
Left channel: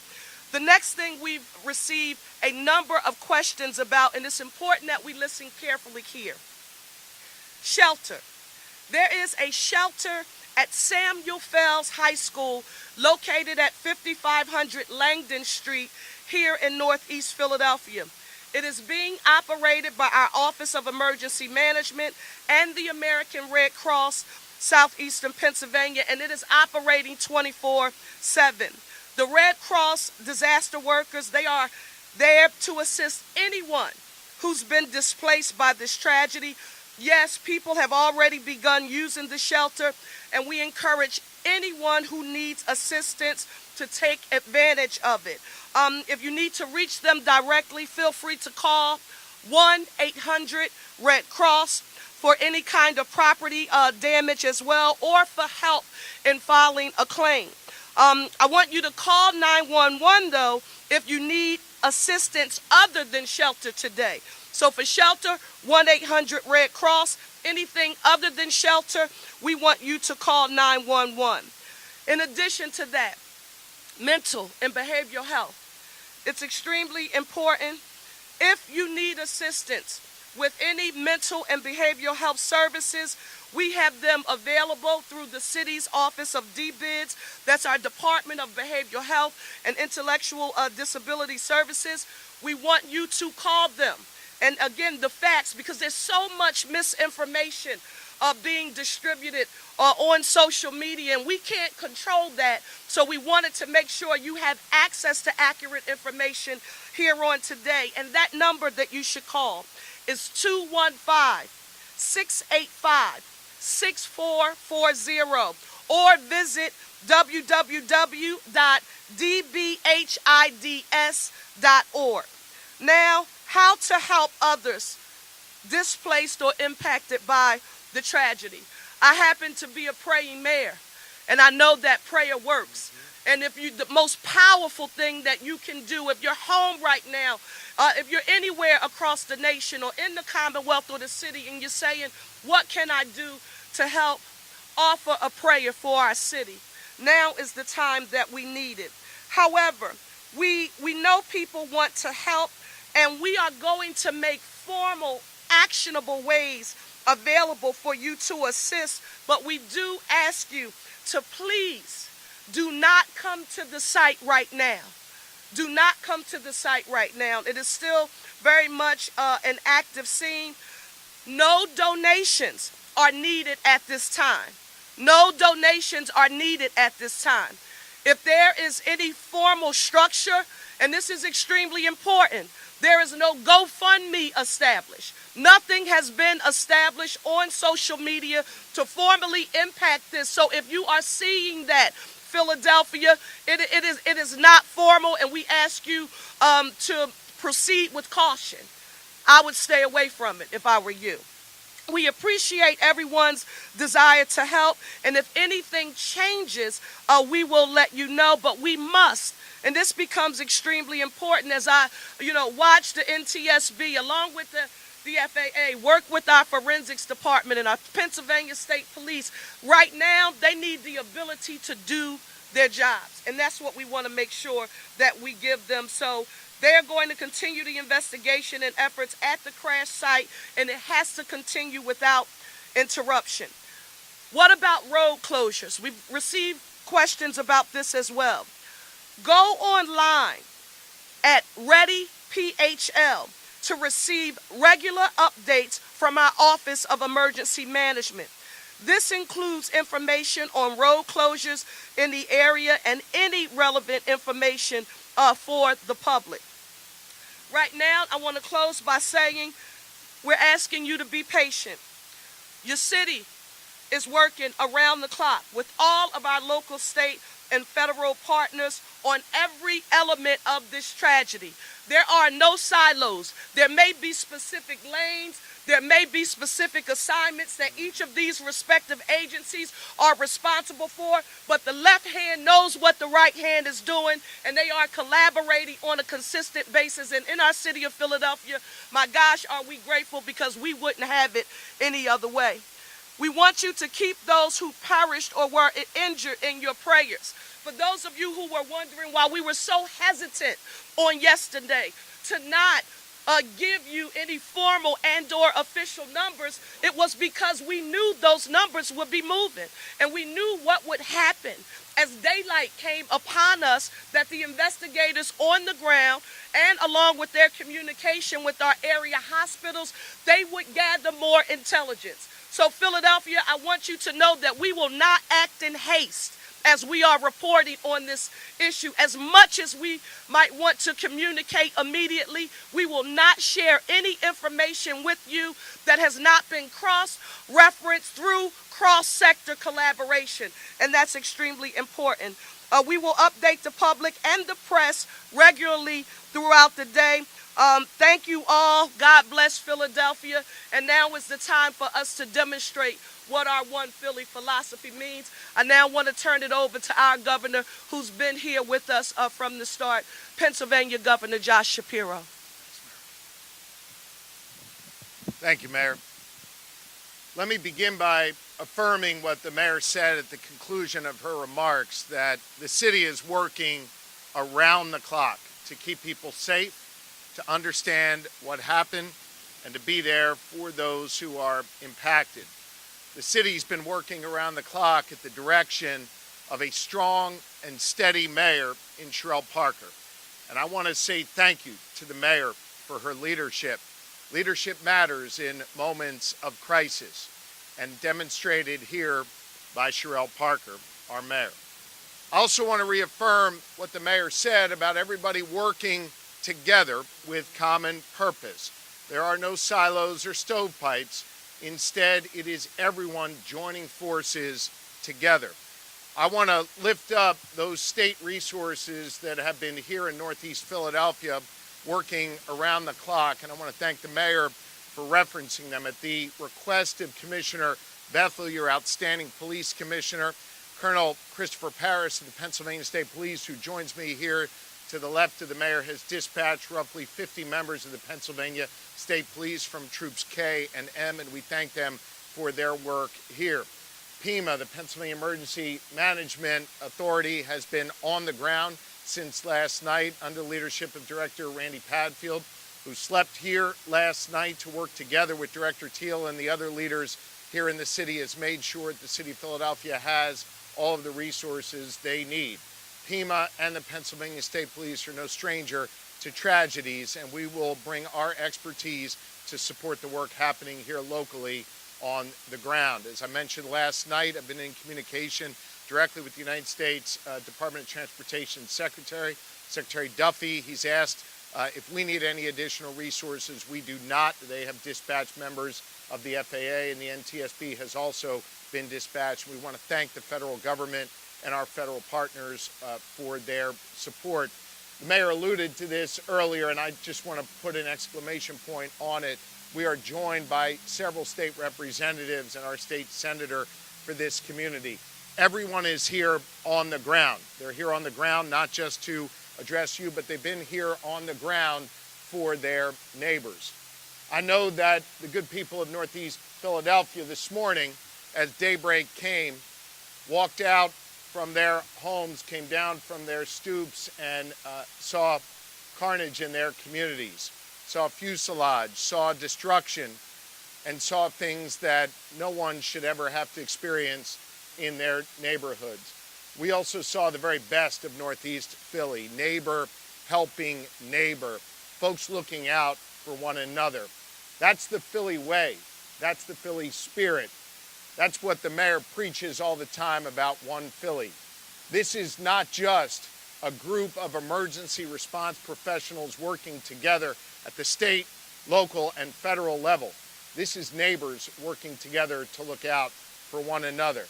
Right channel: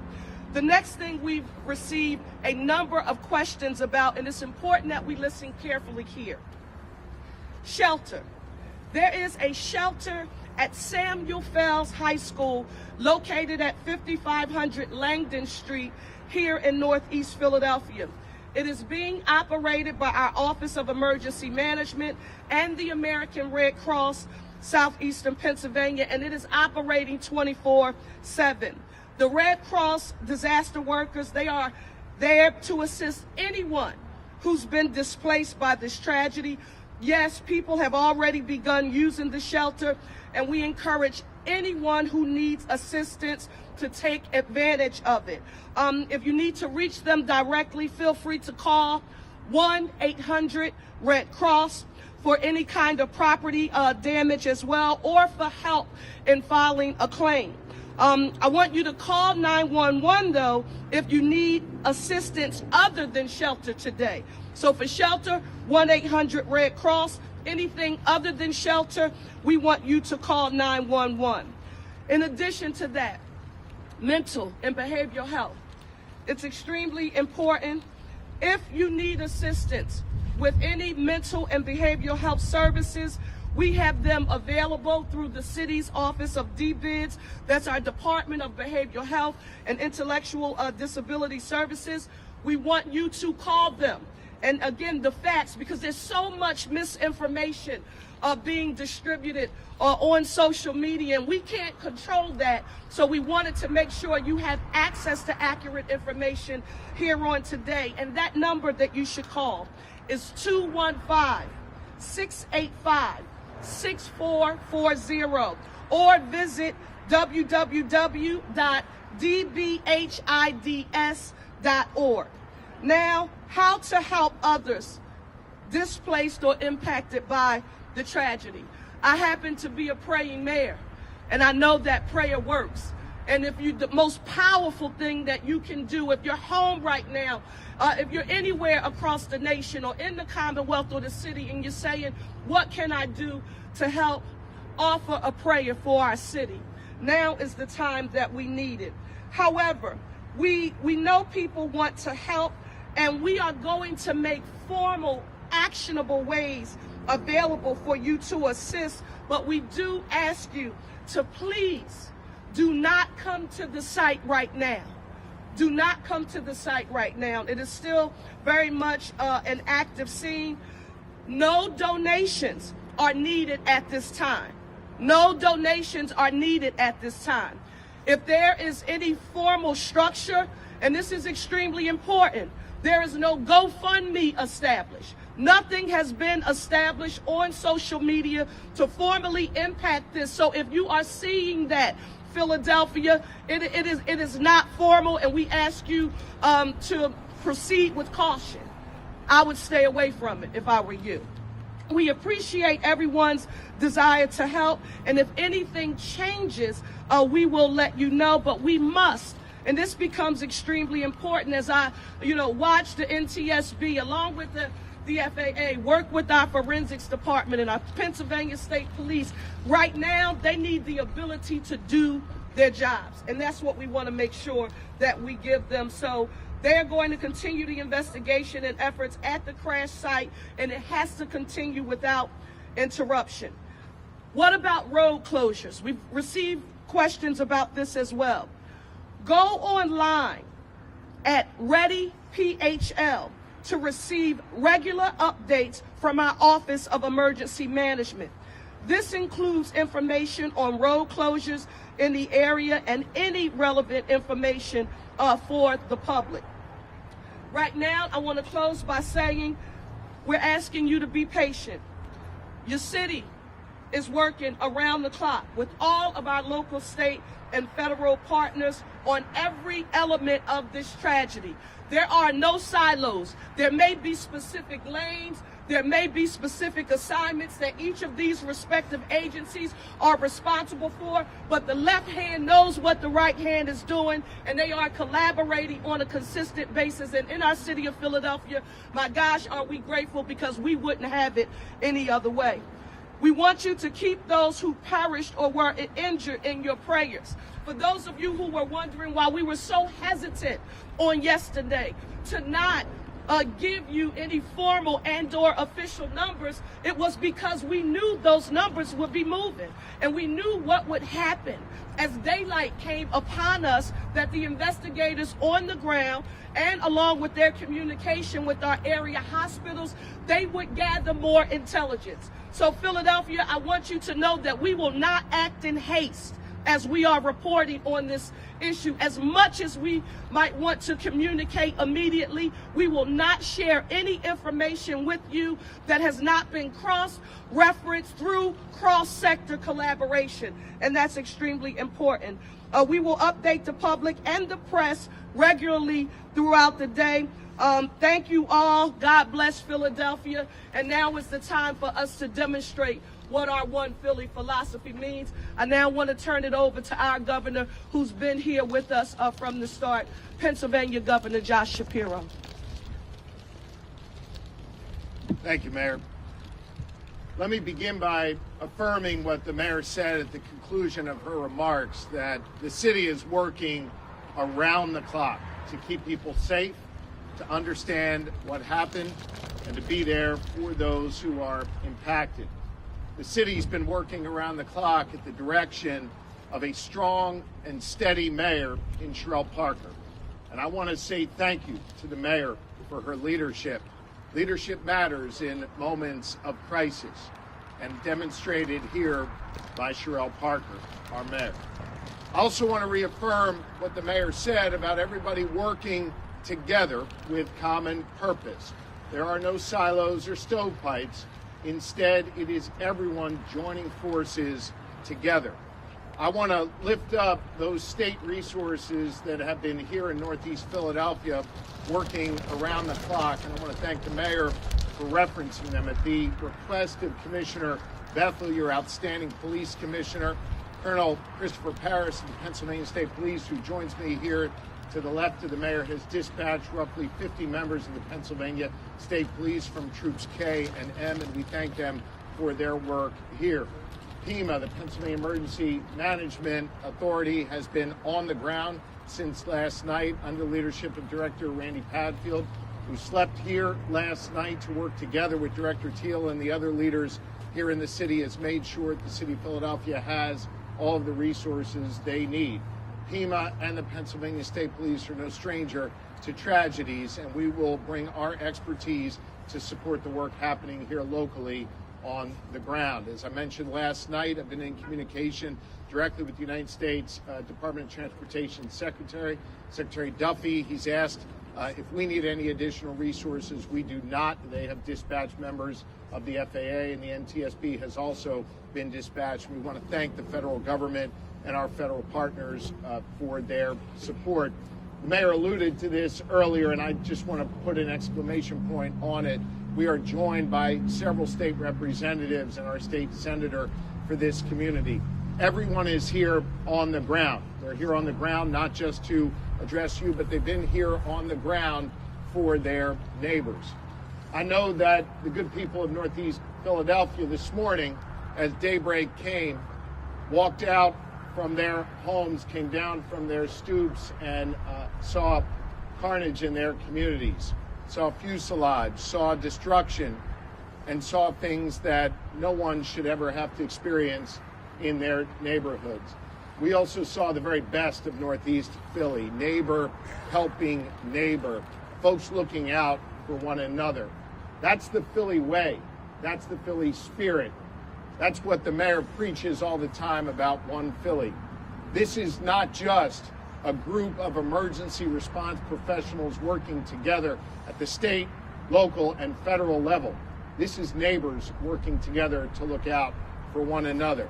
The next thing we've received a number of questions about, and it's important that we listen carefully here. Shelter. There is a shelter at Samuel Fells High School located at 5500 Langdon Street here in Northeast Philadelphia. It is being operated by our Office of Emergency Management and the American Red Cross Southeastern Pennsylvania, and it is operating 24/7. The Red Cross disaster workers, they are there to assist anyone who's been displaced by this tragedy. Yes, people have already begun using the shelter, and we encourage anyone who needs assistance to take advantage of it. If you need to reach them directly, feel free to call 1-800-RED-CROSS for any kind of property damage as well, or for help in filing a claim. I want you to call 911 though if you need assistance other than shelter today. So for shelter, 1-800-RED-CROSS. Anything other than shelter, we want you to call 911. In addition to that, mental and behavioral health. It's extremely important. If you need assistance with any mental and behavioral health services, we have them available through the city's Office of DBIDS. That's our Department of Behavioral Health and Intellectual Disability Services. We want you to call them. And again, the facts, because there's so much misinformation being distributed on social media, and we can't control that. So we wanted to make sure you have access to accurate information here on today. And that number that you should call is 215-685-6440, or visit www.dbhids.org. Now, how to help others displaced or impacted by the tragedy. I happen to be a praying mayor, and I know that prayer works. And if you, the most powerful thing that you can do, if you're home right now, if you're anywhere across the nation or in the Commonwealth or the city, and you're saying, what can I do to help offer a prayer for our city? Now is the time that we need it. However, we know people want to help, and we are going to make formal, actionable ways available for you to assist, but we do ask you to please do not come to the site right now. Do not come to the site right now. It is still very much an active scene. No donations are needed at this time. No donations are needed at this time. If there is any formal structure, and this is extremely important, there is no GoFundMe established. Nothing has been established on social media to formally impact this. So if you are seeing that, Philadelphia, it is not formal, and we ask you to proceed with caution. I would stay away from it if I were you. We appreciate everyone's desire to help, and if anything changes, we will let you know, but we must. And this becomes extremely important as I, watch the NTSB along with the FAA work with our forensics department and our Pennsylvania State Police. Right now, they need the ability to do their jobs, and that's what we want to make sure that we give them. So they're going to continue the investigation and efforts at the crash site, and it has to continue without interruption. What about road closures? We've received questions about this as well. Go online at ReadyPHL to receive regular updates from our Office of Emergency Management. This includes information on road closures in the area and any relevant information for the public. Right now, I want to close by saying we're asking you to be patient. Your city is working around the clock with all of our local, state, and federal partners on every element of this tragedy. There are no silos. There may be specific lanes. There may be specific assignments that each of these respective agencies are responsible for, but the left hand knows what the right hand is doing, and they are collaborating on a consistent basis. And in our city of Philadelphia, my gosh, are we grateful, because we wouldn't have it any other way. We want you to keep those who perished or were injured in your prayers. For those of you who were wondering why we were so hesitant on yesterday to not give you any formal and/or official numbers, it was because we knew those numbers would be moving, and we knew what would happen as daylight came upon us, that the investigators on the ground, and along with their communication with our area hospitals, they would gather more intelligence. So Philadelphia, I want you to know that we will not act in haste as we are reporting on this issue. As much as we might want to communicate immediately, we will not share any information with you that has not been cross-referenced through cross-sector collaboration, and that's extremely important. We will update the public and the press regularly throughout the day. Thank you all. God bless Philadelphia. And now is the time for us to demonstrate what our One Philly philosophy means. I now want to turn it over to our governor, who's been here with us from the start, Pennsylvania Governor Josh Shapiro. Thank you, Mayor. Let me begin by affirming what the mayor said at the conclusion of her remarks, that the city is working around the clock to keep people safe, to understand what happened, and to be there for those who are impacted. The city's been working around the clock at the direction of a strong and steady mayor in Sherelle Parker. And I want to say thank you to the mayor for her leadership. Leadership matters in moments of crisis, and demonstrated here by Sherelle Parker, our mayor. I also want to reaffirm what the mayor said about everybody working together with common purpose. There are no silos or stovepipes. Instead, it is everyone joining forces together. I want to lift up those state resources that have been here in Northeast Philadelphia working around the clock, and I want to thank the mayor for referencing them. At the request of Commissioner Bethel, your outstanding police commissioner, Colonel Christopher Paris from Pennsylvania State Police, who joins me here to the left of the mayor, has dispatched roughly 50 members of the Pennsylvania State Police from Troops K and M, and we thank them for their work here. PEMA, the Pennsylvania Emergency Management Authority, has been on the ground since last night under leadership of Director Randy Padfield, who slept here last night to work together with Director Teal and the other leaders here in the city, has made sure that the city of Philadelphia has all of the resources they need. PEMA and the Pennsylvania State Police are no stranger to tragedies, and we will bring our expertise to support the work happening here locally on the ground. As I mentioned last night, I've been in communication directly with the United States Department of Transportation Secretary Duffy. He's asked if we need any additional resources. We do not. They have dispatched members of the FAA, and the NTSB has also been dispatched. We want to thank the federal government and our federal partners for their support. The mayor alluded to this earlier, and I just want to put an exclamation point on it. we are joined by several state representatives and our state senator for this community. Everyone is here on the ground. They're here on the ground not just to address you, but they've been here on the ground for their neighbors. I know that the good people of Northeast Philadelphia this morning, as daybreak came, walked out from their homes, came down from their stoops, and saw carnage in their communities, saw fuselage, saw destruction, and saw things that no one should ever have to experience in their neighborhoods. We also saw the very best of Northeast Philly, neighbor helping neighbor, folks looking out for one another. That's the Philly way. That's the Philly spirit. That's what the mayor preaches all the time about One Philly. This is not just a group of emergency response professionals working together at the state, local, and federal level. This is neighbors working together to look out for one another.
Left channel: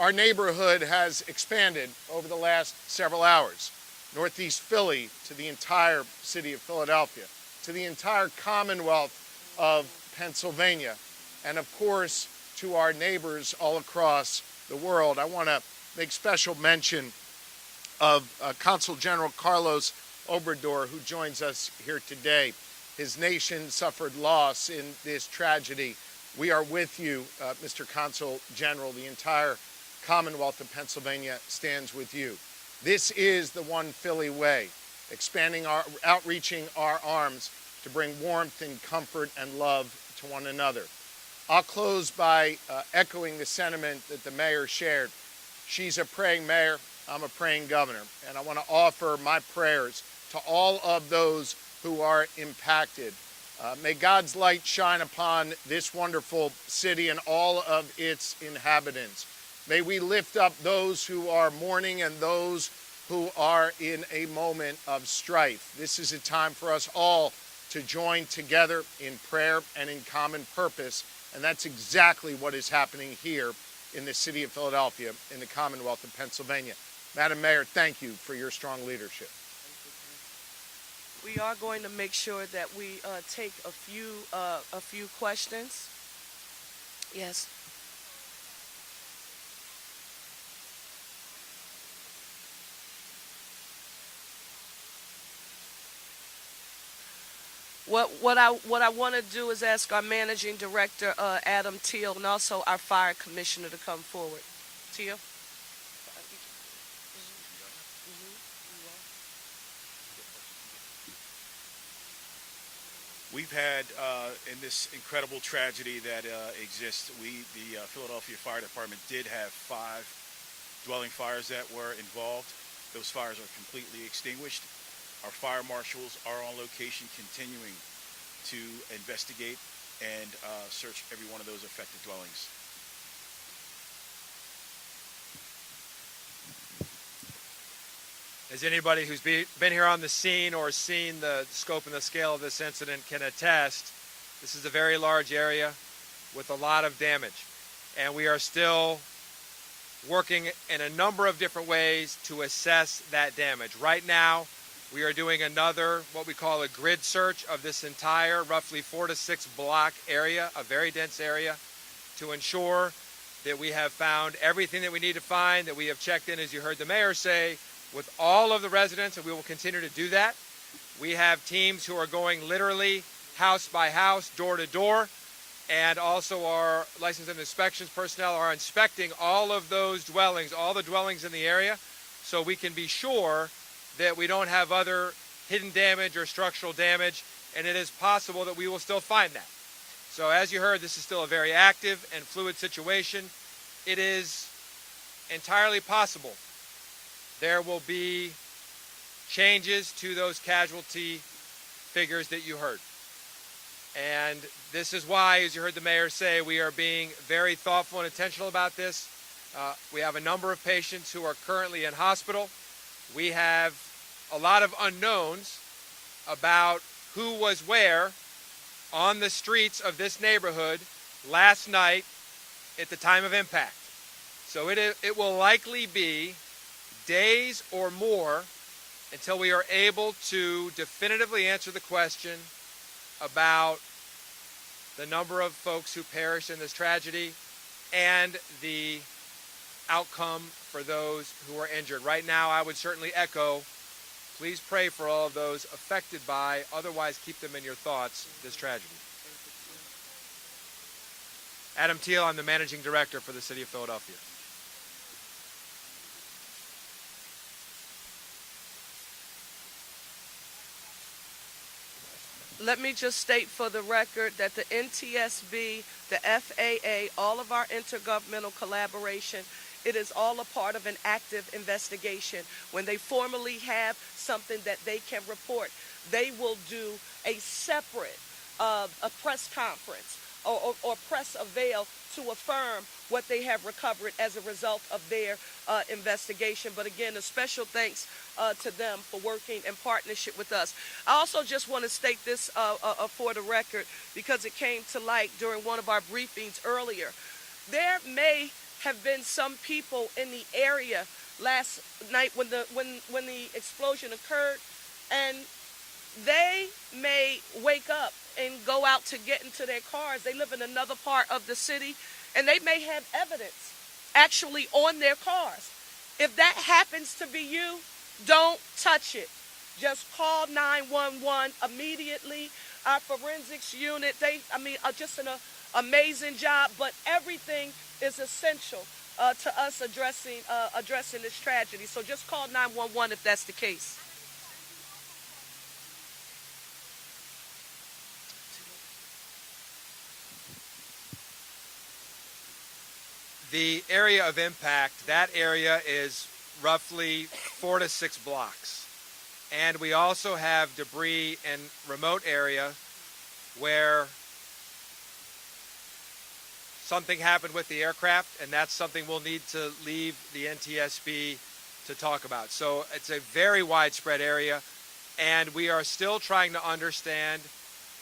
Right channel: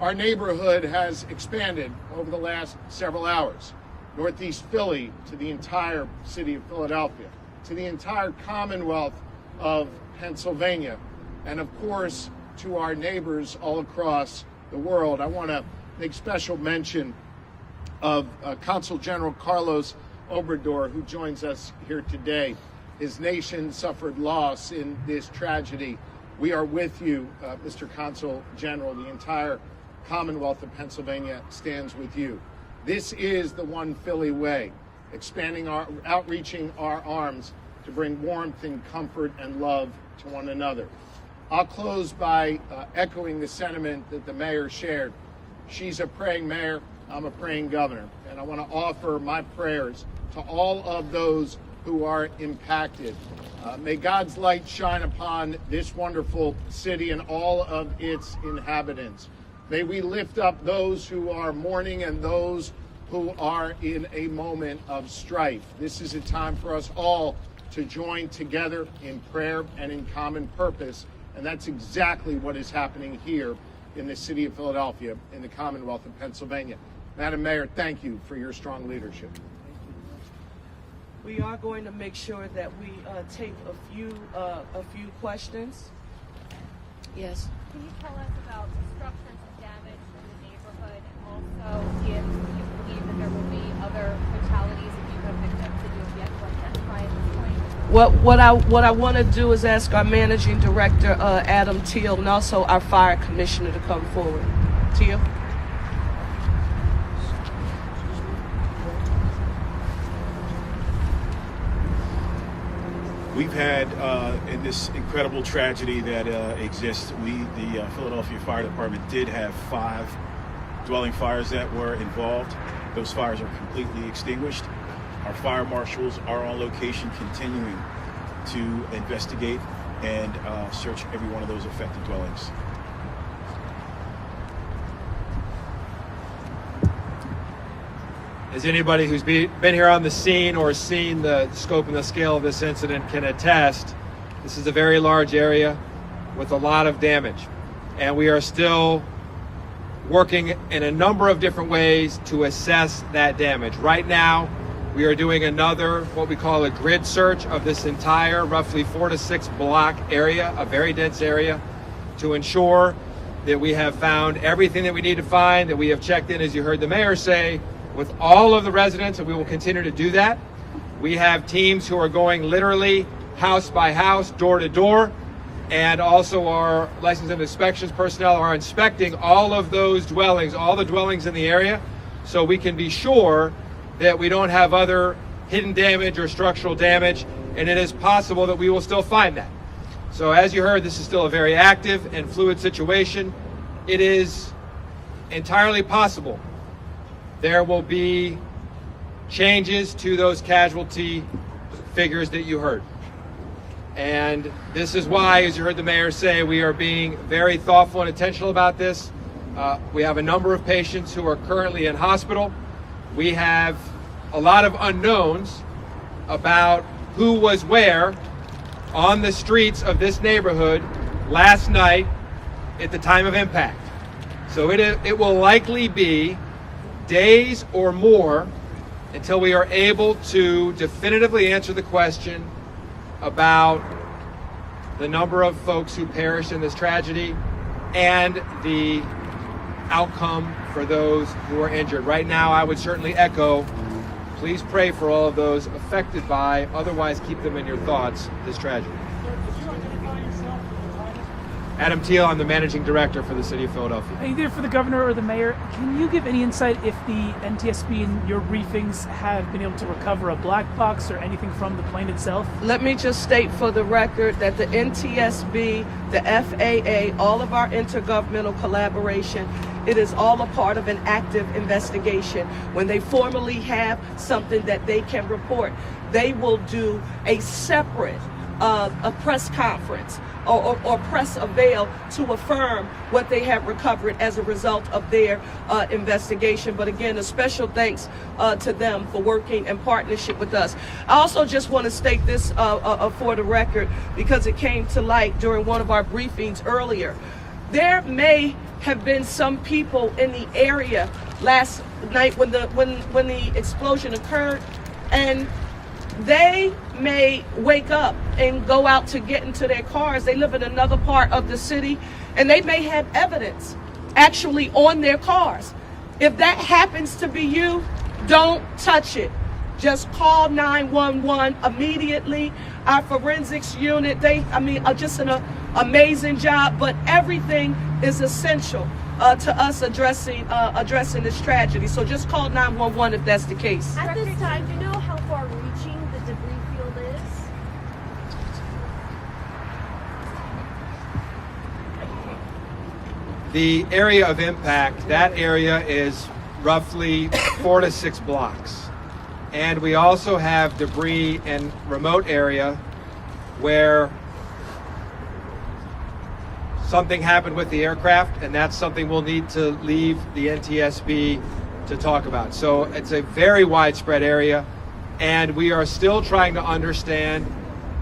Our neighborhood has expanded over the last several hours. Northeast Philly to the entire city of Philadelphia, to the entire Commonwealth of Pennsylvania, and of course to our neighbors all across the world. I want to make special mention of Consul General Carlos Obrador, who joins us here today. His nation suffered loss in this tragedy. We are with you, Mr. Consul General. The entire Commonwealth of Pennsylvania stands with you. This is the One Philly way, outreaching our arms to bring warmth and comfort and love to one another. I'll close by echoing the sentiment that the mayor shared. She's a praying mayor, I'm a praying governor, and I want to offer my prayers to all of those who are impacted. May God's light shine upon this wonderful city and all of its inhabitants. May we lift up those who are mourning and those who are in a moment of strife. This is a time for us all to join together in prayer and in common purpose, and that's exactly what is happening here in the city of Philadelphia, in the Commonwealth of Pennsylvania. Madam Mayor, thank you for your strong leadership. We are going to make sure that we take a few questions. Yes. Can you tell us about construction damage in the neighborhood? Also, if you believe that there will be other fatalities if you have victims that you have yet to identify at this point? What I want to do is ask our managing director, Adam Teal, and also our fire commissioner to come forward. Teal? We've had, in this incredible tragedy that exists, the Philadelphia Fire Department did have 5 dwelling fires that were involved. Those fires are completely extinguished. Our fire marshals are on location continuing to investigate and search every one of those affected dwellings. As anybody who's been here on the scene or seen the scope and the scale of this incident can attest, this is a very large area with a lot of damage. And we are still working in a number of different ways to assess that damage. Right now, we are doing another, what we call a grid search of this entire roughly 4 to 6 block area, a very dense area, to ensure that we have found everything that we need to find, that we have checked in, as you heard the mayor say, with all of the residents, and we will continue to do that. We have teams who are going literally house by house, door to door, and also our license and inspections personnel are inspecting all of those dwellings, all the dwellings in the area, so we can be sure that we don't have other hidden damage or structural damage, and it is possible that we will still find that. So as you heard, this is still a very active and fluid situation. It is entirely possible there will be changes to those casualty figures that you heard. And this is why, as you heard the mayor say, we are being very thoughtful and intentional about this. We have a number of patients who are currently in hospital. We have a lot of unknowns about who was where on the streets of this neighborhood last night at the time of impact. So it will likely be days or more until we are able to definitively answer the question about the number of folks who perished in this tragedy, and the outcome for those who are injured. Right now, I would certainly echo, please pray for all of those affected by, otherwise keep them in your thoughts, this tragedy. Adam Thiel, I'm the managing director for the city of Philadelphia. Either for the governor or the mayor, can you give any insight if the NTSB in your briefings have been able to recover a black box or anything from the plane itself? Let me just state for the record that the NTSB, the FAA, all of our intergovernmental collaboration, it is all a part of an active investigation. When they formally have something that they can report, they will do a separate a press conference or press avail to affirm what they have recovered as a result of their investigation. But again, a special thanks to them for working in partnership with us. I also just want to state this for the record, because it came to light during one of our briefings earlier. There may have been some people in the area last night when the explosion occurred, and they may wake up and go out to get into their cars. They live in another part of the city, and they may have evidence actually on their cars. If that happens to be you, don't touch it. Just call 911 immediately. Our forensics unit, are just an amazing job, but everything is essential to us addressing this tragedy. So just call 911 if that's the case. At this time, do you know how far-reaching the debris field is? The area of impact, that area is roughly 4 to 6 blocks. And we also have debris in remote area where something happened with the aircraft, and that's something we'll need to leave the NTSB to talk about. So it's a very widespread area, and we are still trying to understand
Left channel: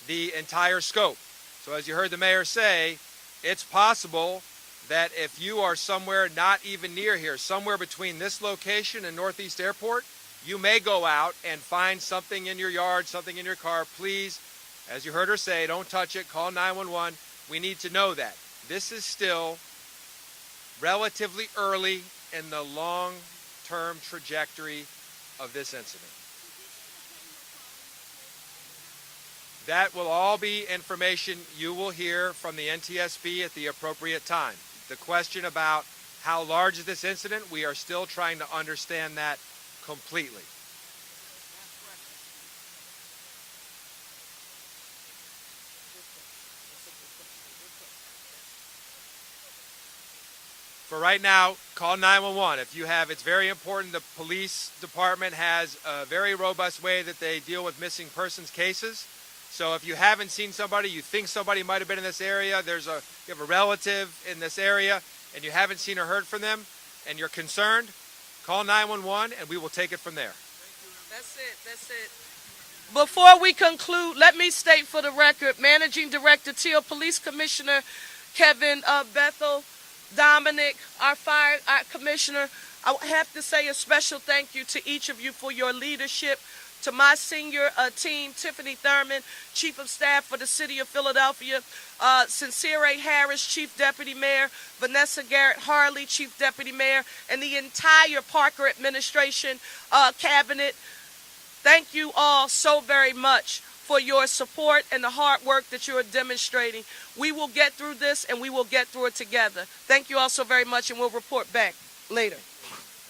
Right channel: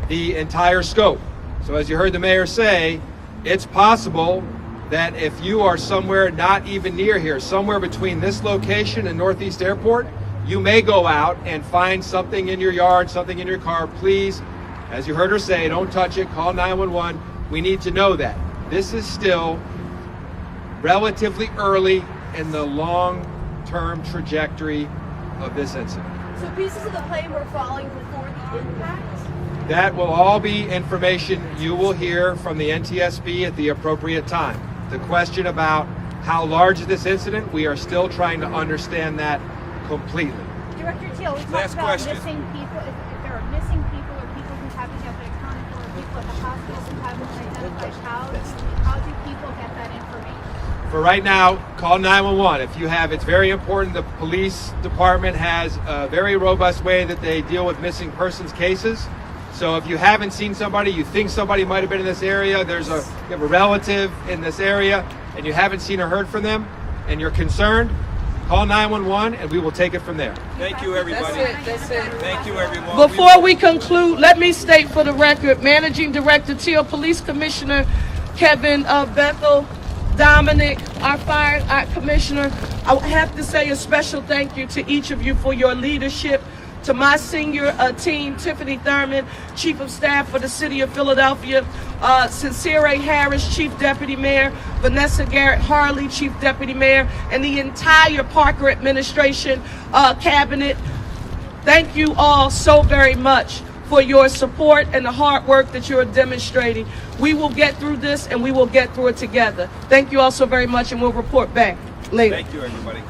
the entire scope. So as you heard the mayor say, it's possible that if you are somewhere not even near here, somewhere between this location and Northeast Airport, you may go out and find something in your yard, something in your car. Please, as you heard her say, don't touch it, call 911. We need to know that. This is still relatively early in the long-term trajectory of this incident. So pieces of the plane were falling before the impact? That will all be information you will hear from the NTSB at the appropriate time. The question about how large is this incident, we are still trying to understand that completely. Director Thiel, we talked about missing people. If there are missing people or people who haven't yet been accounted for, or people at the hospital who haven't been identified, how do people get that information? For right now, call 911. It's very important. The police department has a very robust way that they deal with missing persons cases. So if you haven't seen somebody, you think somebody might have been in this area, you have a relative in this area, and you haven't seen or heard from them, and you're concerned, call 911, and we will take it from there. Thank you, everybody. That's it. Thank you, everyone. Before we conclude, let me state for the record, Managing Director Thiel, Police Commissioner Kevin Bethel, Dominic, our Commissioner, I have to say a special thank you to each of you for your leadership. To my senior team, Tiffany Thurman, Chief of Staff for the City of Philadelphia, Sincere A. Harris, Chief Deputy Mayor, Vanessa Garrett Harley, Chief Deputy Mayor, and the entire Parker administration, cabinet. Thank you all so very much for your support and the hard work that you're demonstrating. We will get through this, and we will get through it together. Thank you all so very much, and we'll report back later. Thank you, everybody.